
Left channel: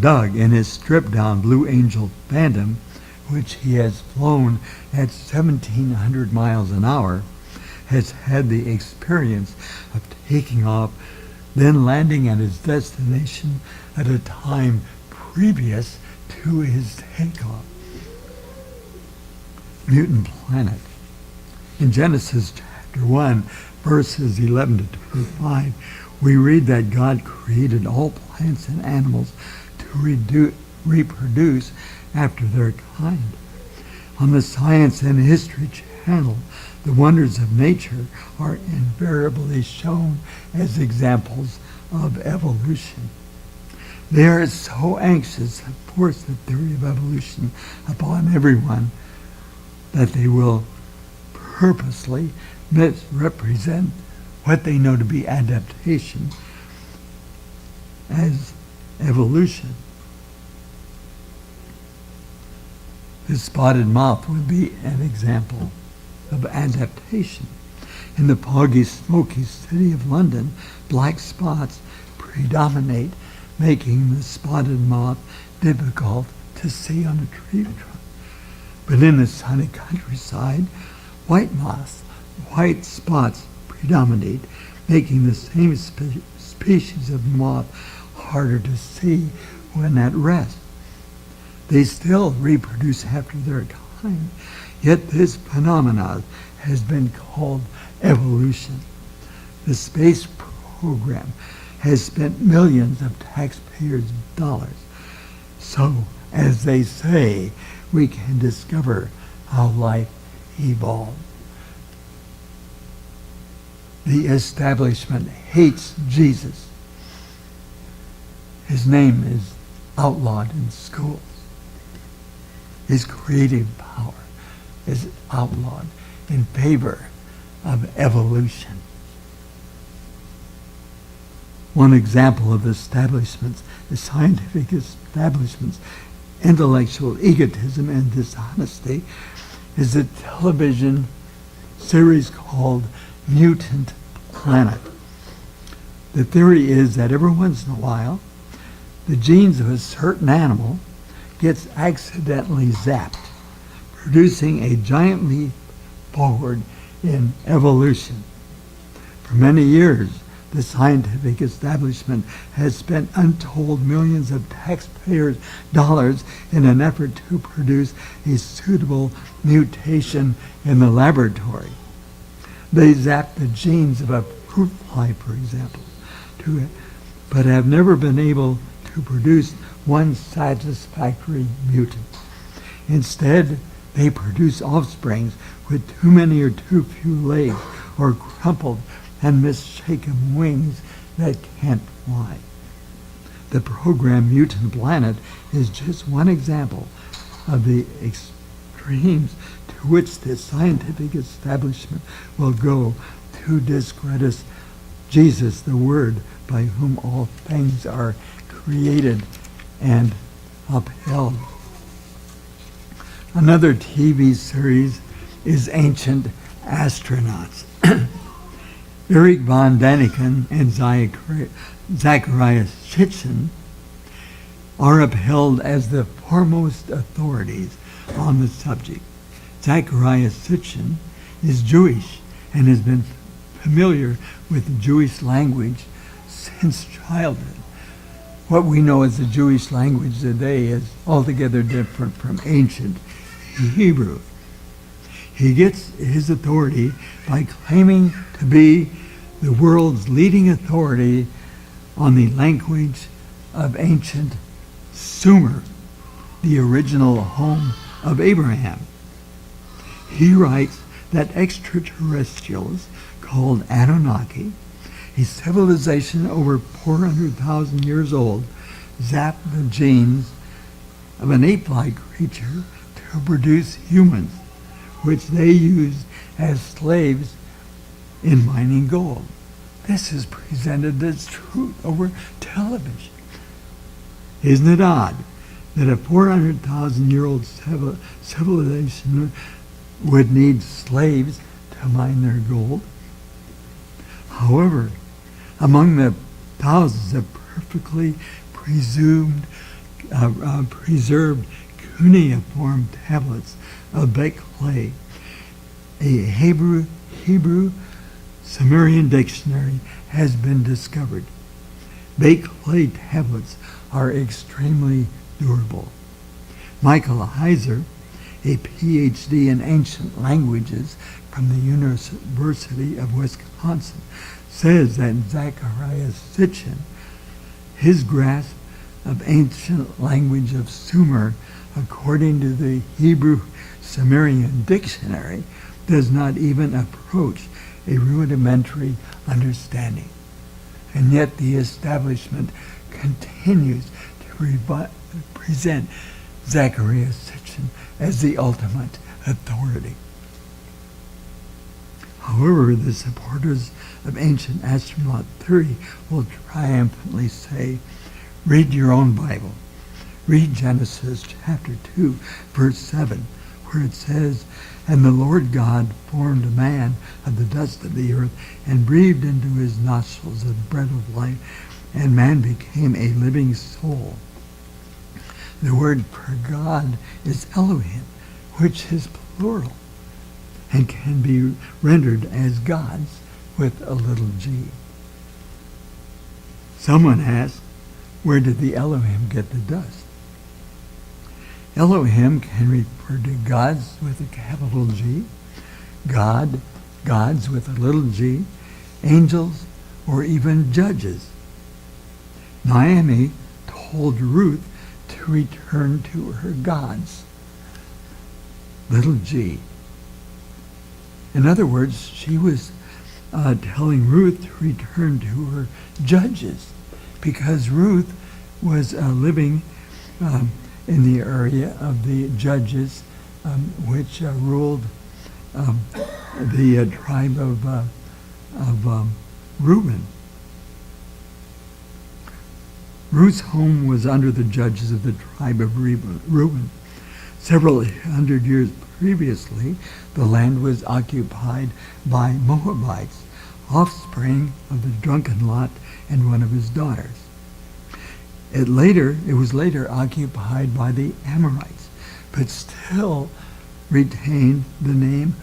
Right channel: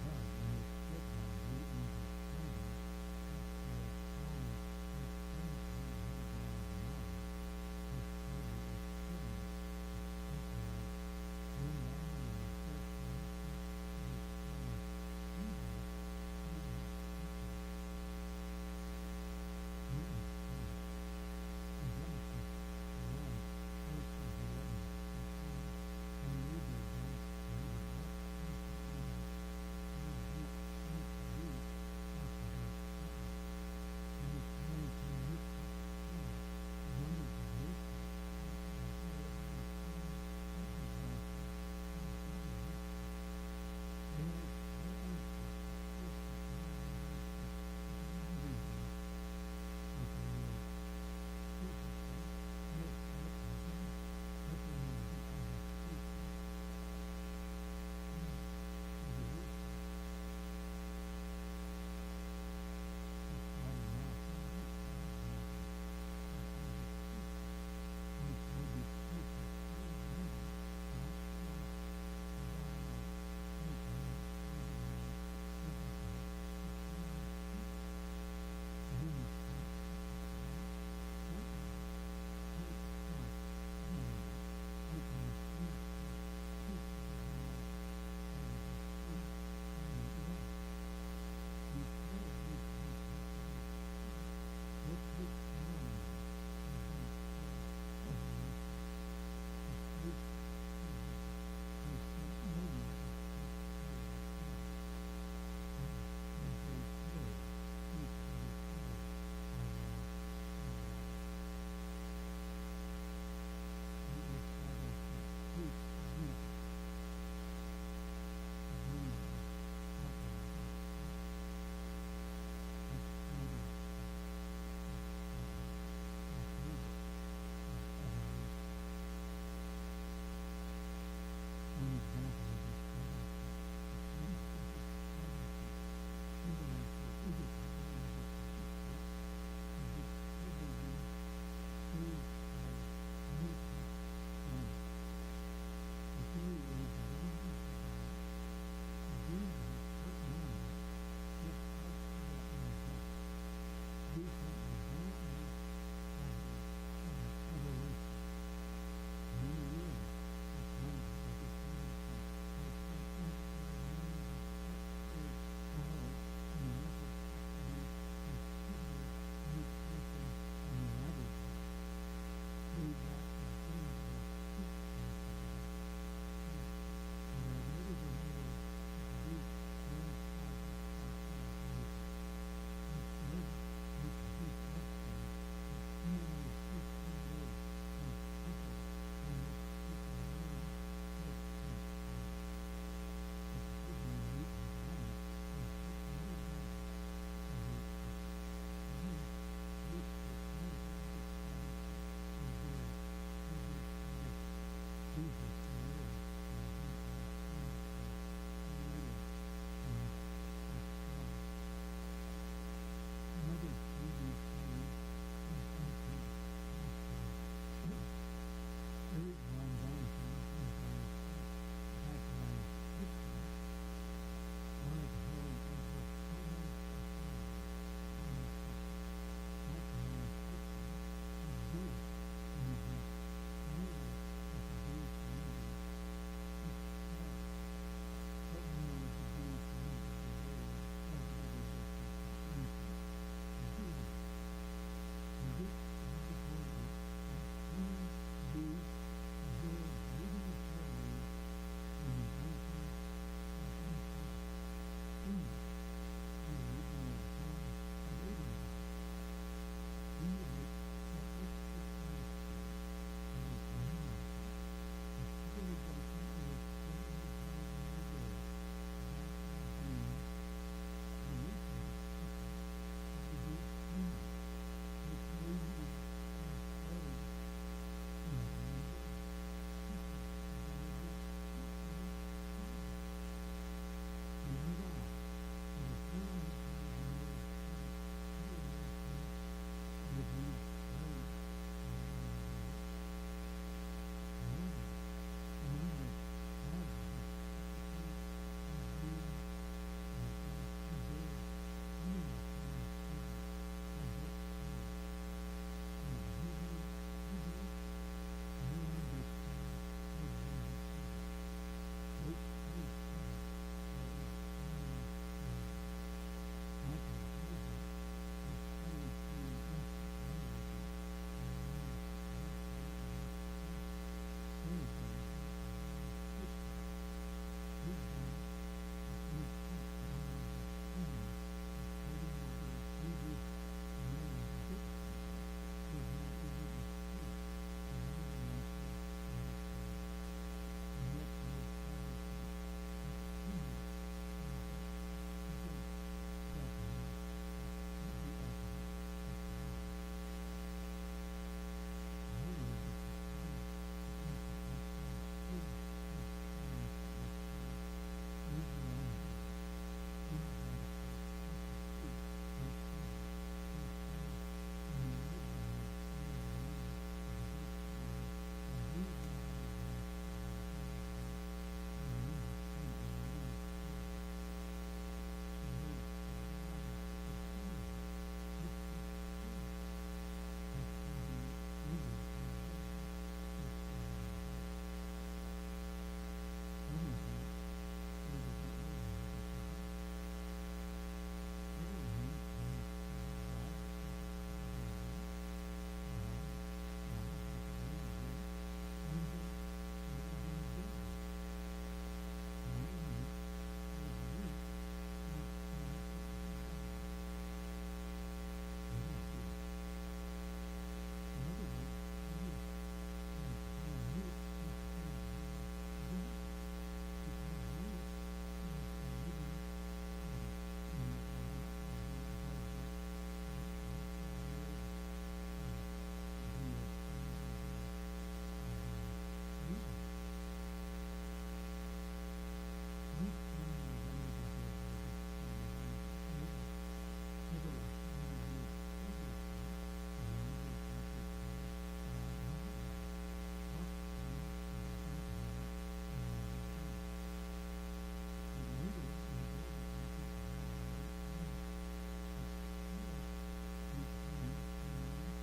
Doug, in his stripped-down Blue Angel Phantom, which he has flown at 1,700 miles an hour, has had the experience of taking off, then landing at his destination at a time previous to his takeoff. Mutant Planet. In Genesis chapter 1, verses 11 to 25, we read that God created all plants and animals to reproduce after their kind. On the Science and History channel, the wonders of nature are invariably shown as examples of evolution. They are so anxious to force the theory of evolution upon everyone that they will purposely misrepresent what they know to be adaptation as evolution. The spotted moth would be an example of adaptation. In the foggy, smoky city of London, black spots predominate, making the spotted moth difficult to see on a tree trunk. But in the sunny countryside, white spots predominate, making the same species of moth harder to see when at rest. They still reproduce after their kind, yet this phenomenon has been called evolution. The space program has spent millions of taxpayers' dollars. So, as they say, we can discover how life evolved. The establishment hates Jesus. His name is outlawed in schools. His creative power is outlawed in favor of evolution. One example of establishments, the scientific establishments, intellectual egotism and dishonesty is a television series called Mutant Planet. The theory is that every once in a while, the genes of a certain animal gets accidentally zapped, producing a giant leap forward in evolution. For many years, the scientific establishment has spent untold millions of taxpayers' dollars in an effort to produce a suitable mutation in the laboratory. They zap the genes of a fruit fly, for example, but have never been able to produce one satisfactory mutant. Instead, they produce offsprings with too many or too few legs or crumpled and misshapen wings that can't fly. The program Mutant Planet is just one example of the extremes to which the scientific establishment will go to discredit Jesus, the Word, by whom all things are created and upheld. Another TV series is Ancient Astronauts. Eric von Daniken and Zacharias Sitchin are upheld as the foremost authorities on the subject. Zacharias Sitchin is Jewish and has been familiar with the Jewish language since childhood. What we know as the Jewish language today is altogether different from ancient Hebrew. He gets his authority by claiming to be the world's leading authority on the language of ancient Sumer, the original home of Abraham. He writes that extraterrestrials called Anunnaki, a civilization over 400,000 years old, zapped the genes of an ape-like creature to produce humans, which they used as slaves in mining gold. This is presented as truth over television. Isn't it odd that a 400,000-year-old civilization would need slaves to mine their gold? However, among the thousands of perfectly preserved cuneiform tablets of baked clay, a Hebrew Sumerian dictionary has been discovered. Baked clay tablets are extremely durable. Michael Heiser, a PhD in ancient languages from the University of Wisconsin, says that Zacharias Sitchin, his grasp of ancient language of Sumer, according to the Hebrew Sumerian dictionary, does not even approach a rudimentary understanding. And yet the establishment continues to present Zacharias Sitchin as the ultimate authority. However, the supporters of ancient astronaut theory will triumphantly say, read your own Bible. Read Genesis chapter 2, verse 7, where it says, "And the Lord God formed a man of the dust of the earth and breathed into his nostrils the breath of life, and man became a living soul." The word for God is Elohim, which is plural and can be rendered as gods with a little g. Someone asked, where did the Elohim get the dust? Elohim can refer to gods with a capital G, gods with a little g, angels, or even judges. Naomi told Ruth to return to her gods, little g. In other words, she was telling Ruth to return to her judges, because Ruth was living in the area of the judges, which ruled the tribe of Reuben. Ruth's home was under the judges of the tribe of Reuben. Several hundred years previously, the land was occupied by Moabites, offspring of the drunken Lot and one of his daughters. It was later occupied by the Amorites, but still retained the name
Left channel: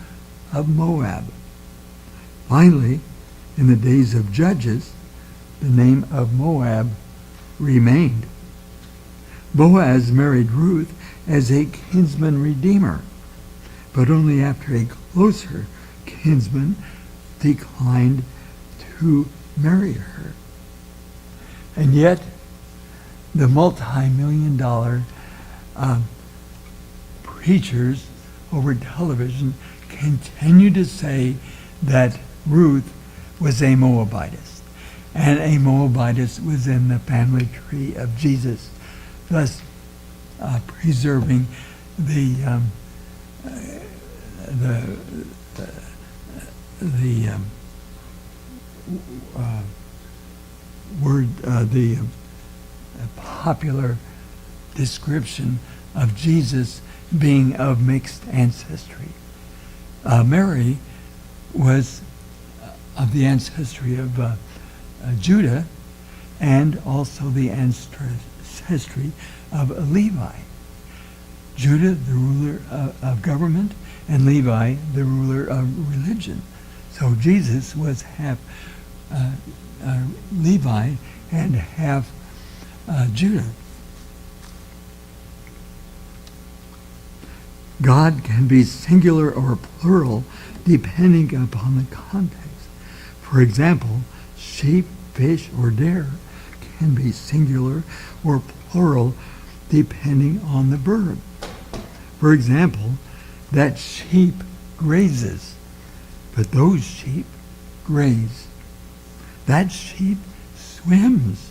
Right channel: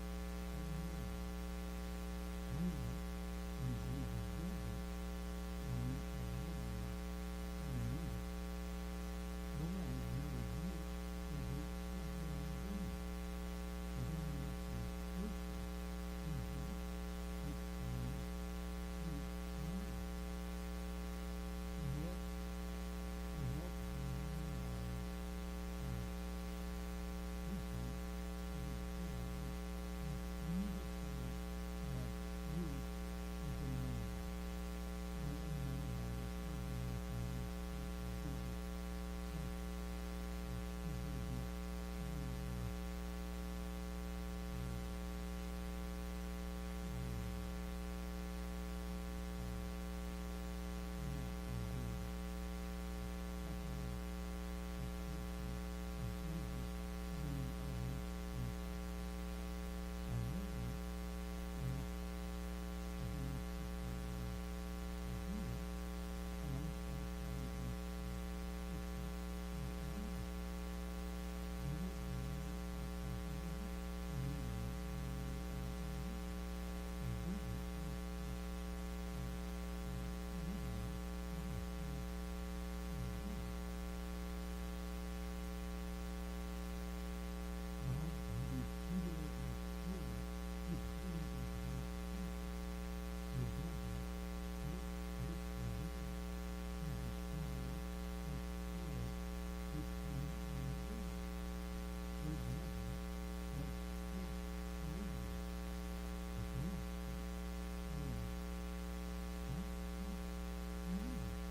of Moab. Finally, in the days of Judges, the name of Moab remained. Boaz married Ruth as a kinsman redeemer, but only after a closer kinsman declined to marry her. And yet, the multi-million-dollar preachers over television continue to say that Ruth was a Moabitess, and a Moabitess was in the family tree of Jesus, thus preserving the popular description of Jesus being of mixed ancestry. Mary was of the ancestry of Judah, and also the ancestry of Levi. Judah, the ruler of government, and Levi, the ruler of religion. So Jesus was half Levi and half Judah. God can be singular or plural depending upon the context. For example, sheep, fish, or deer can be singular or plural depending on the verb. For example, that sheep grazes, but those sheep graze. That sheep swims,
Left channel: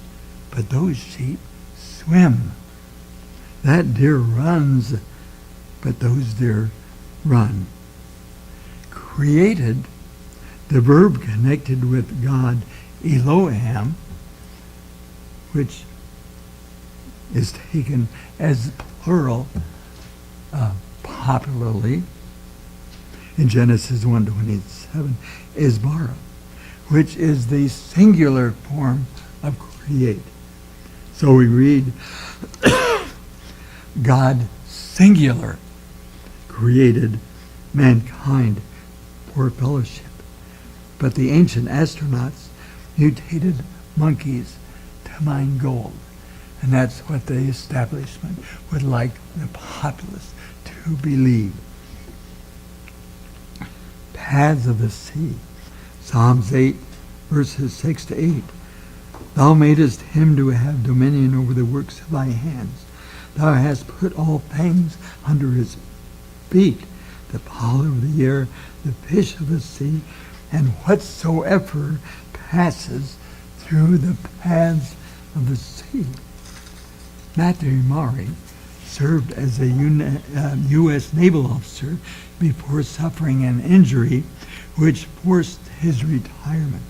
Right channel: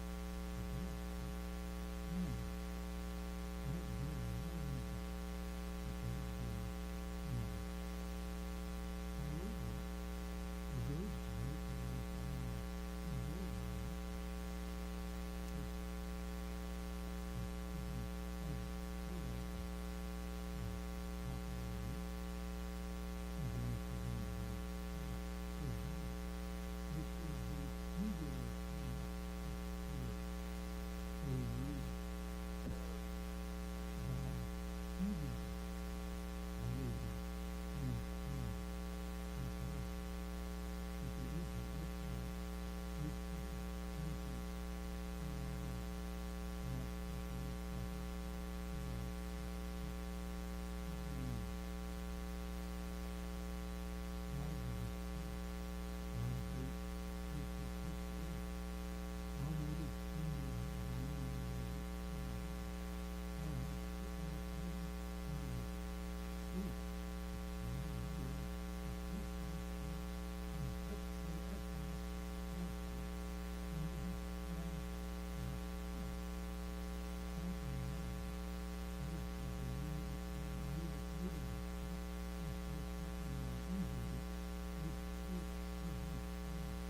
but those sheep swim. That deer runs, but those deer run. Created, the verb connected with God, Elohim, which is taken as plural popularly in Genesis 1:27, is bara, which is the singular form of create. So we read, God singular created mankind for fellowship. But the ancient astronauts mutated monkeys to mine gold. And that's what the establishment would like the populace to believe. Paths of the sea. Psalms 8, verses 6 to 8. Thou madest him to have dominion over the works of thy hands. Thou hast put all things under his feet, the fowl of the air, the fish of the sea, and whatsoever passes through the paths of the sea. Matthew Maury served as a U.S. naval officer before suffering an injury which forced his retirement.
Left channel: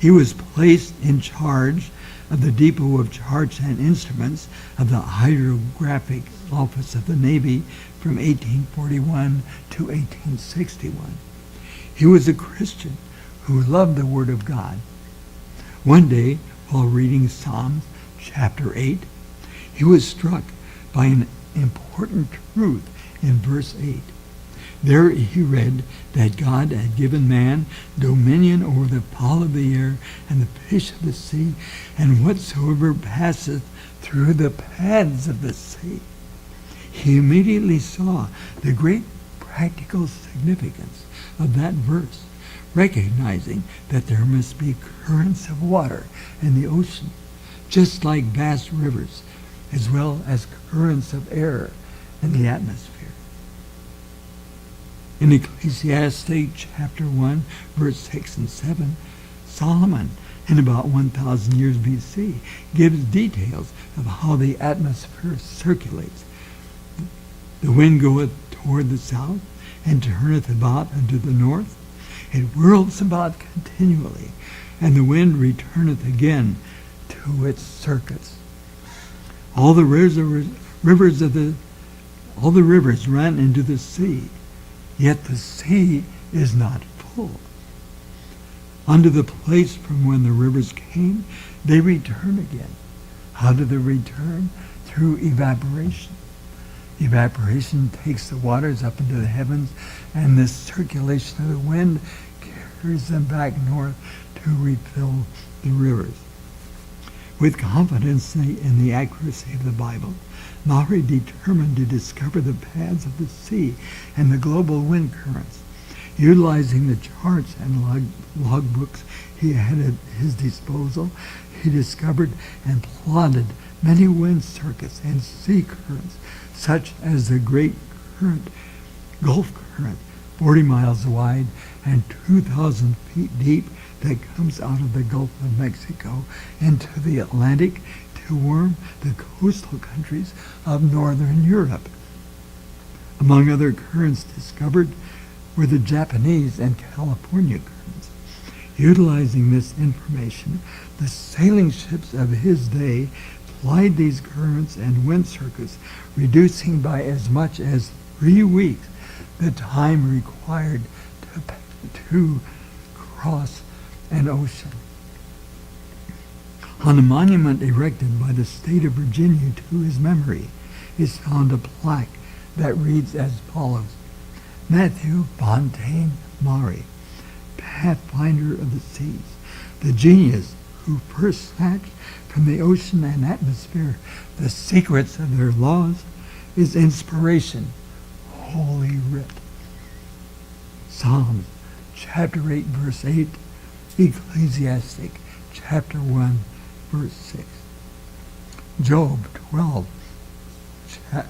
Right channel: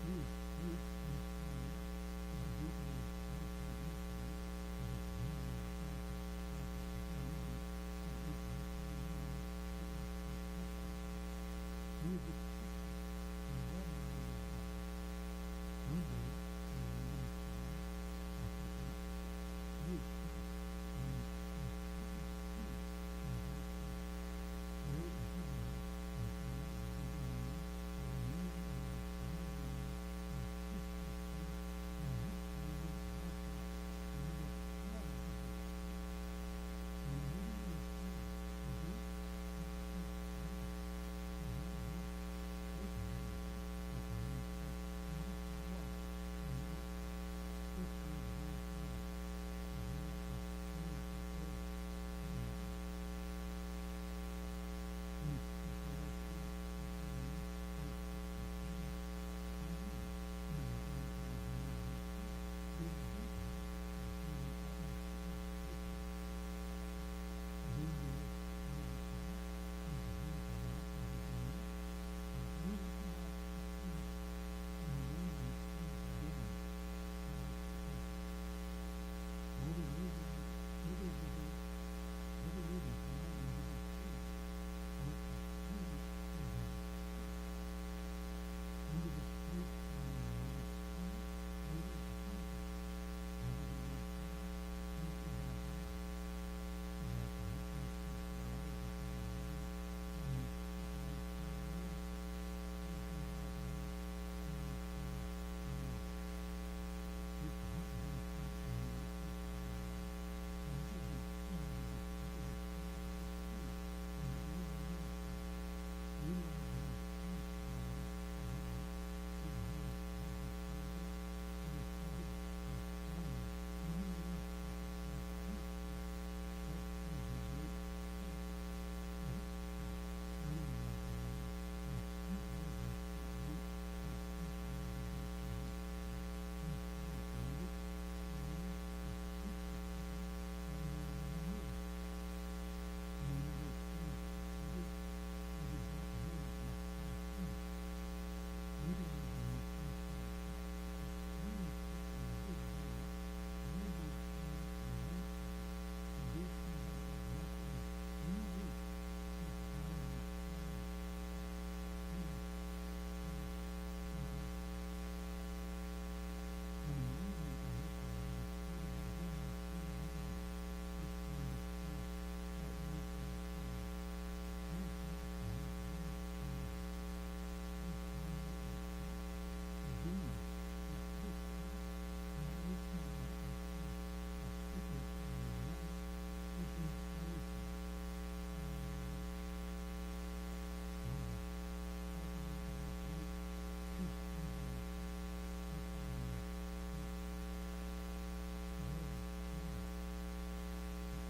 He was placed in charge of the Depot of Charts and Instruments of the Hydrographic Office of the Navy from 1841 to 1861. He was a Christian who loved the Word of God. One day, while reading Psalms chapter 8, he was struck by an important truth in verse 8. There he read that God had given man dominion over the fowl of the air and the fish of the sea, and whatsoever passeth through the paths of the sea. He immediately saw the great practical significance of that verse, recognizing that there must be currents of water in the ocean, just like vast rivers, as well as currents of air in the atmosphere. In Ecclesiastes chapter 1, verse 6 and 7, Solomon, in about 1,000 years BC, gives details of how the atmosphere circulates. The wind goeth toward the south, and turneth about unto the north. It whirls about continually, and the wind returneth again to its circuits. All the rivers run into the sea, yet the sea is not full. Unto the place from when the rivers came, they return again. How do they return? Through evaporation. Evaporation takes the waters up into the heavens, and the circulation of the wind carries them back north to refill the rivers. With confidence in the accuracy of the Bible, Maury determined to discover the paths of the sea and the global wind currents. Utilizing the charts and logbooks he had at his disposal, he discovered and plotted many wind circuits and sea currents, such as the Great Current, Gulf Current, 40 miles wide and 2,000 feet deep, that comes out of the Gulf of Mexico into the Atlantic to warm the coastal countries of northern Europe. Among other currents discovered were the Japanese and California currents. Utilizing this information, the sailing ships of his day plied these currents and wind circuits, reducing by as much as 3 weeks the time required to cross an ocean. On a monument erected by the state of Virginia to his memory is found a plaque that reads as follows: Matthew Fontaine Maury, Pathfinder of the seas, the genius who first snatched from the ocean and atmosphere the secrets of their laws, is inspiration, Holy Writ. Psalms chapter 8, verse 8, Ecclesiastic chapter 1, verse 6. Job 12,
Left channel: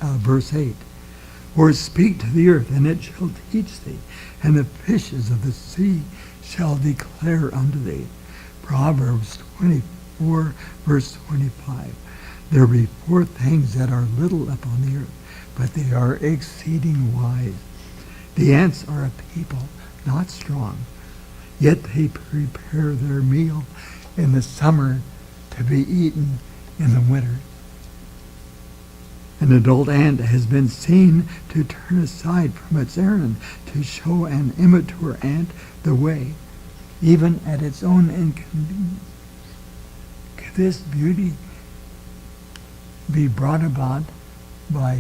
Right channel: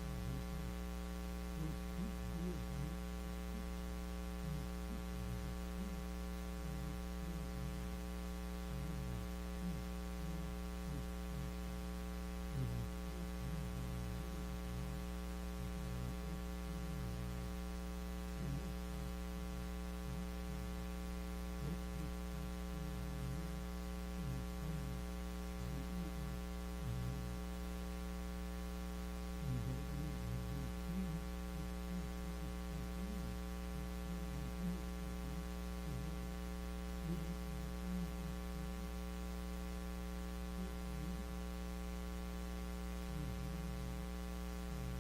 verse 8. Or speak to the earth, and it shall teach thee, and the fishes of the sea shall declare unto thee. Proverbs 24, verse 25. There be 4 things that are little upon the earth, but they are exceeding wise. The ants are a people not strong, yet they prepare their meal in the summer to be eaten in the winter. An adult ant has been seen to turn aside from its errand to show an immature ant the way, even at its own inconvenience. Could this beauty be brought about by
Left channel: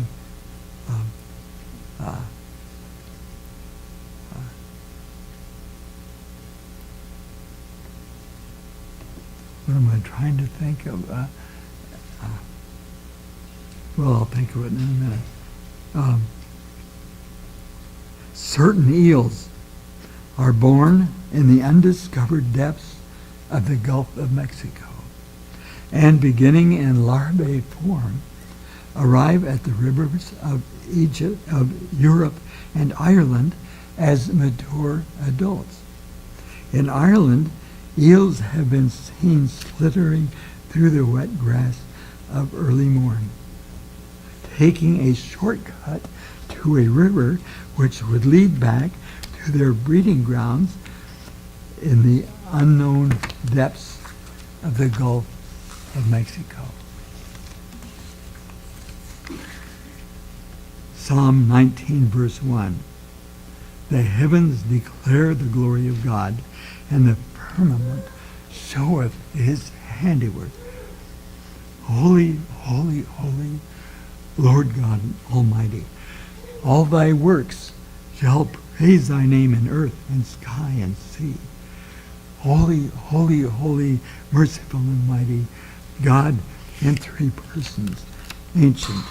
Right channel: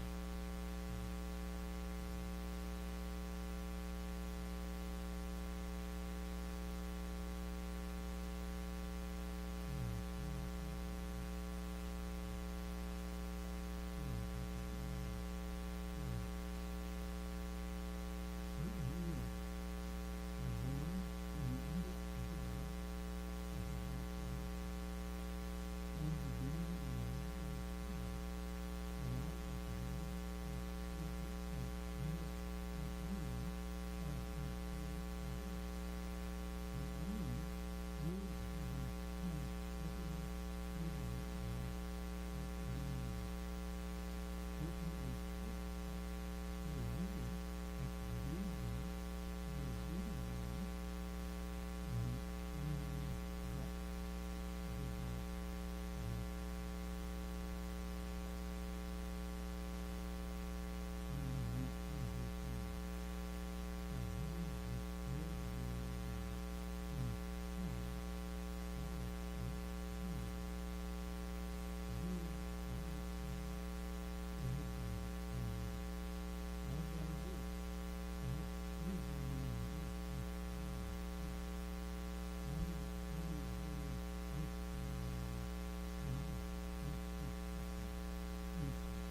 what am I trying to think of? Well, I'll think of it in a minute. Certain eels are born in the undiscovered depths of the Gulf of Mexico, and beginning in larvae form, arrive at the rivers of Egypt, of Europe and Ireland as mature adults. In Ireland, eels have been seen slithering through the wet grass of early morning, taking a shortcut to a river which would lead back to their breeding grounds in the unknown depths of the Gulf of Mexico. Psalm 19, verse 1. The heavens declare the glory of God, and the firmament showeth his handiwork. Holy, holy, holy, Lord God Almighty. All thy works shall praise thy name in earth and sky and sea. Holy, holy, holy, merciful and mighty, God in three persons, ancient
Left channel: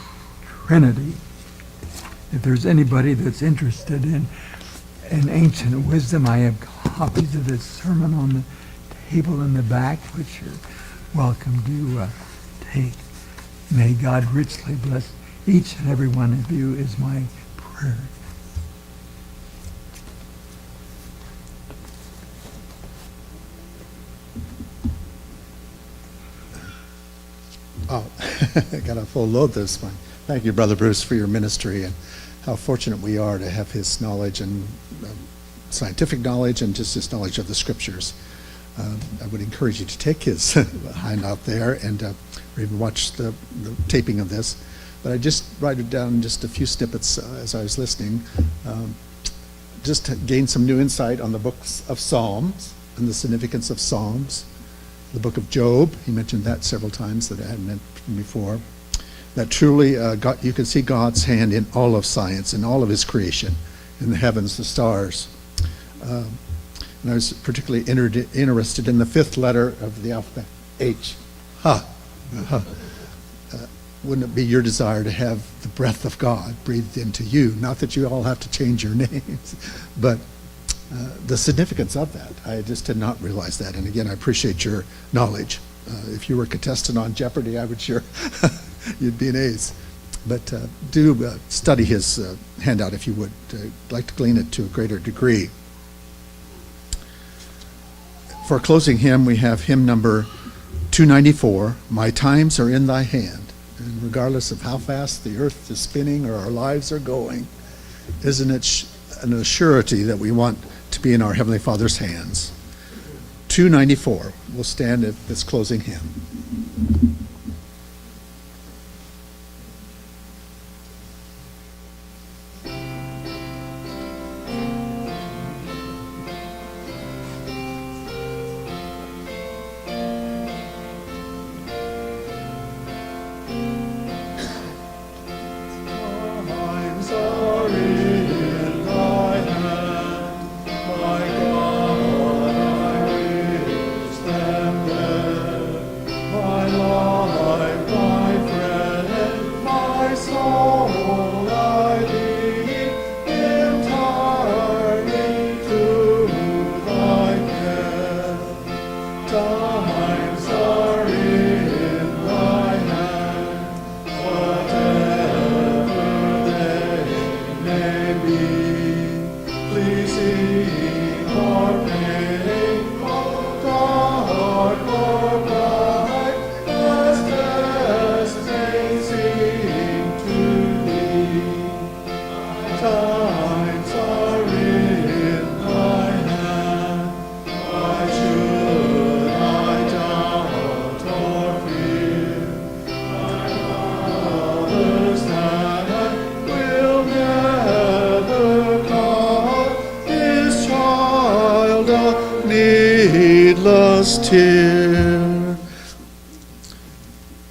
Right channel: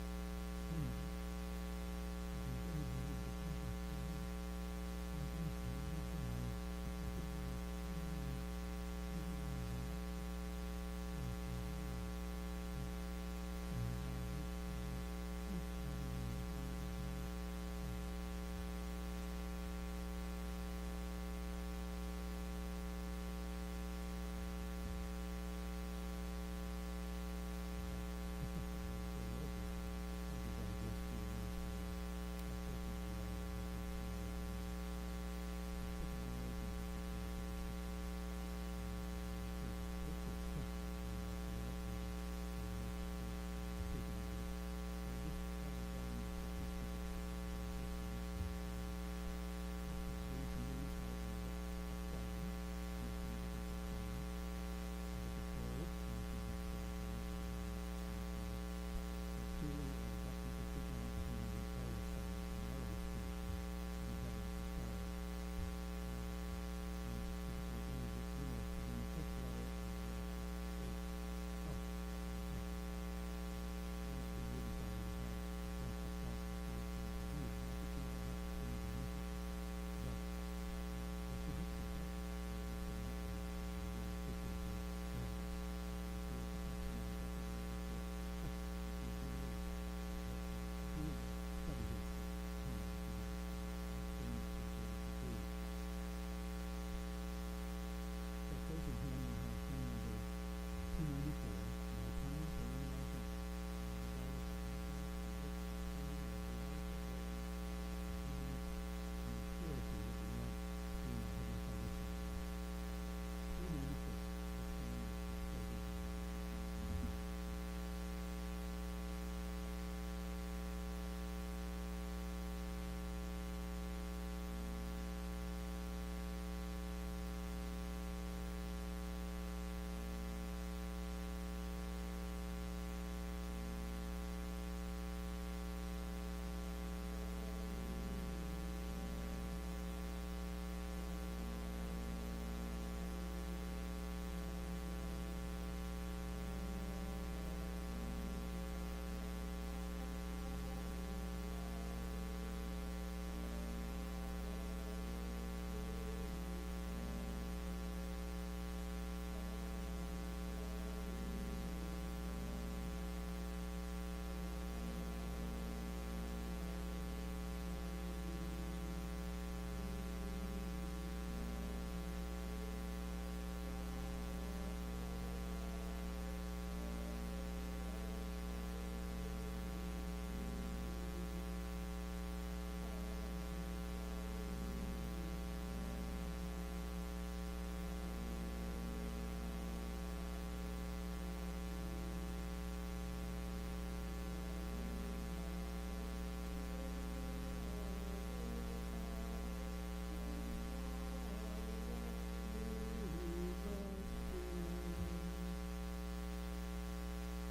Trinity. If there's anybody that's interested in ancient wisdom, I have copies of this sermon on the table in the back, which you're welcome to take. May God richly bless each and every one of you is my prayer. Oh, I got a full load this one. Thank you, Brother Bruce, for your ministry, and how fortunate we are to have his knowledge and scientific knowledge and just his knowledge of the scriptures. I would encourage you to take his handout there and or even watch the taping of this. But I just write it down just a few snippets as I was listening, just to gain some new insight on the books of Psalms and the significance of Psalms. The book of Job, he mentioned that several times that I hadn't mentioned before. That truly you can see God's hand in all of science, in all of his creation, in the heavens, the stars. And I was particularly interested in the fifth letter of the alphabet, H. Wouldn't it be your desire to have the breath of God breathed into you? Not that you all have to change your names, but the significance of that. I just did not realize that. And again, I appreciate your knowledge. If you were a contestant on Jeopardy, I would sure you'd be an ace. But do study his handout if you would. I'd like to glean it to a greater degree. For a closing hymn, we have hymn number 294, My Times Are in Thy Hand. And regardless of how fast the earth is spinning or our lives are going, isn't it an assurity that we want to be in our Heavenly Father's hands? 294. We'll stand at this closing hymn.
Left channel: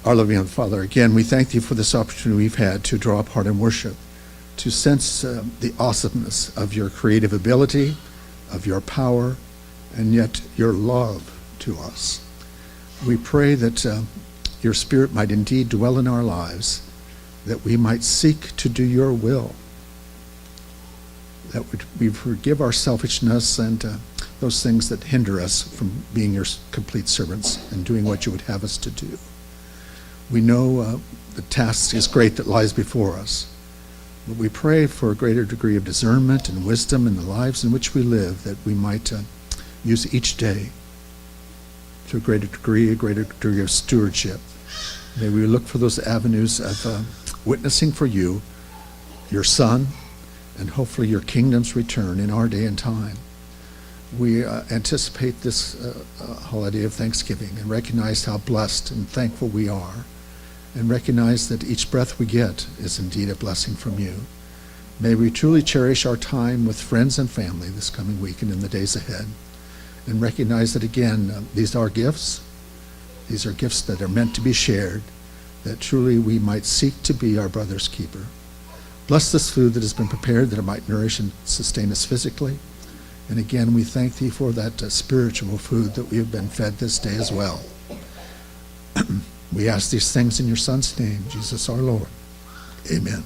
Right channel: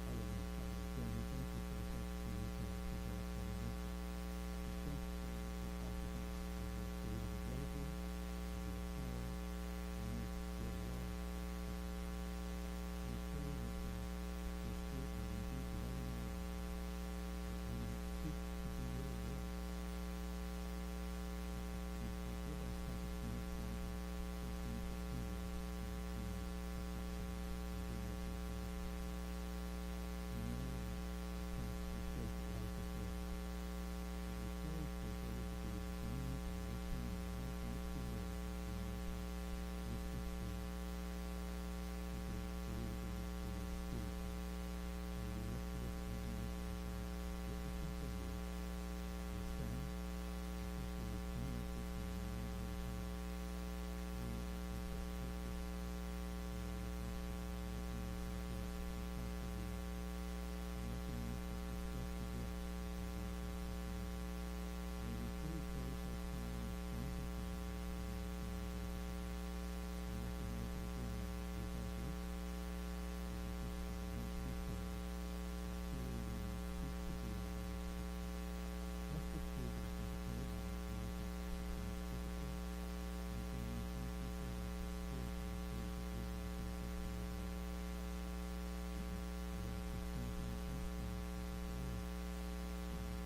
Our loving Heavenly Father, again, we thank Thee for this opportunity we've had to draw apart and worship, to sense the awesomeness of Your creative ability, of Your power, and yet Your love to us. We pray that Your Spirit might indeed dwell in our lives, that we might seek to do Your will, that we forgive our selfishness and those things that hinder us from being Your complete servants and doing what You would have us to do. We know the task is great that lies before us, but we pray for a greater degree of discernment and wisdom in the lives in which we live, that we might use each day to a greater degree of stewardship. May we look for those avenues of witnessing for You, Your Son, and hopefully your kingdom's return in our day and time. We anticipate this holiday of Thanksgiving and recognize how blessed and thankful we are, and recognize that each breath we get is indeed a blessing from you. May we truly cherish our time with friends and family this coming week and in the days ahead, and recognize that, again, these are gifts. These are gifts that are meant to be shared, that truly we might seek to be our brother's keeper. Bless this food that has been prepared, that it might nourish and sustain us physically. And again, we thank thee for that spiritual food that we have been fed this day as well. We ask these things in your Son's name, Jesus our Lord. Amen.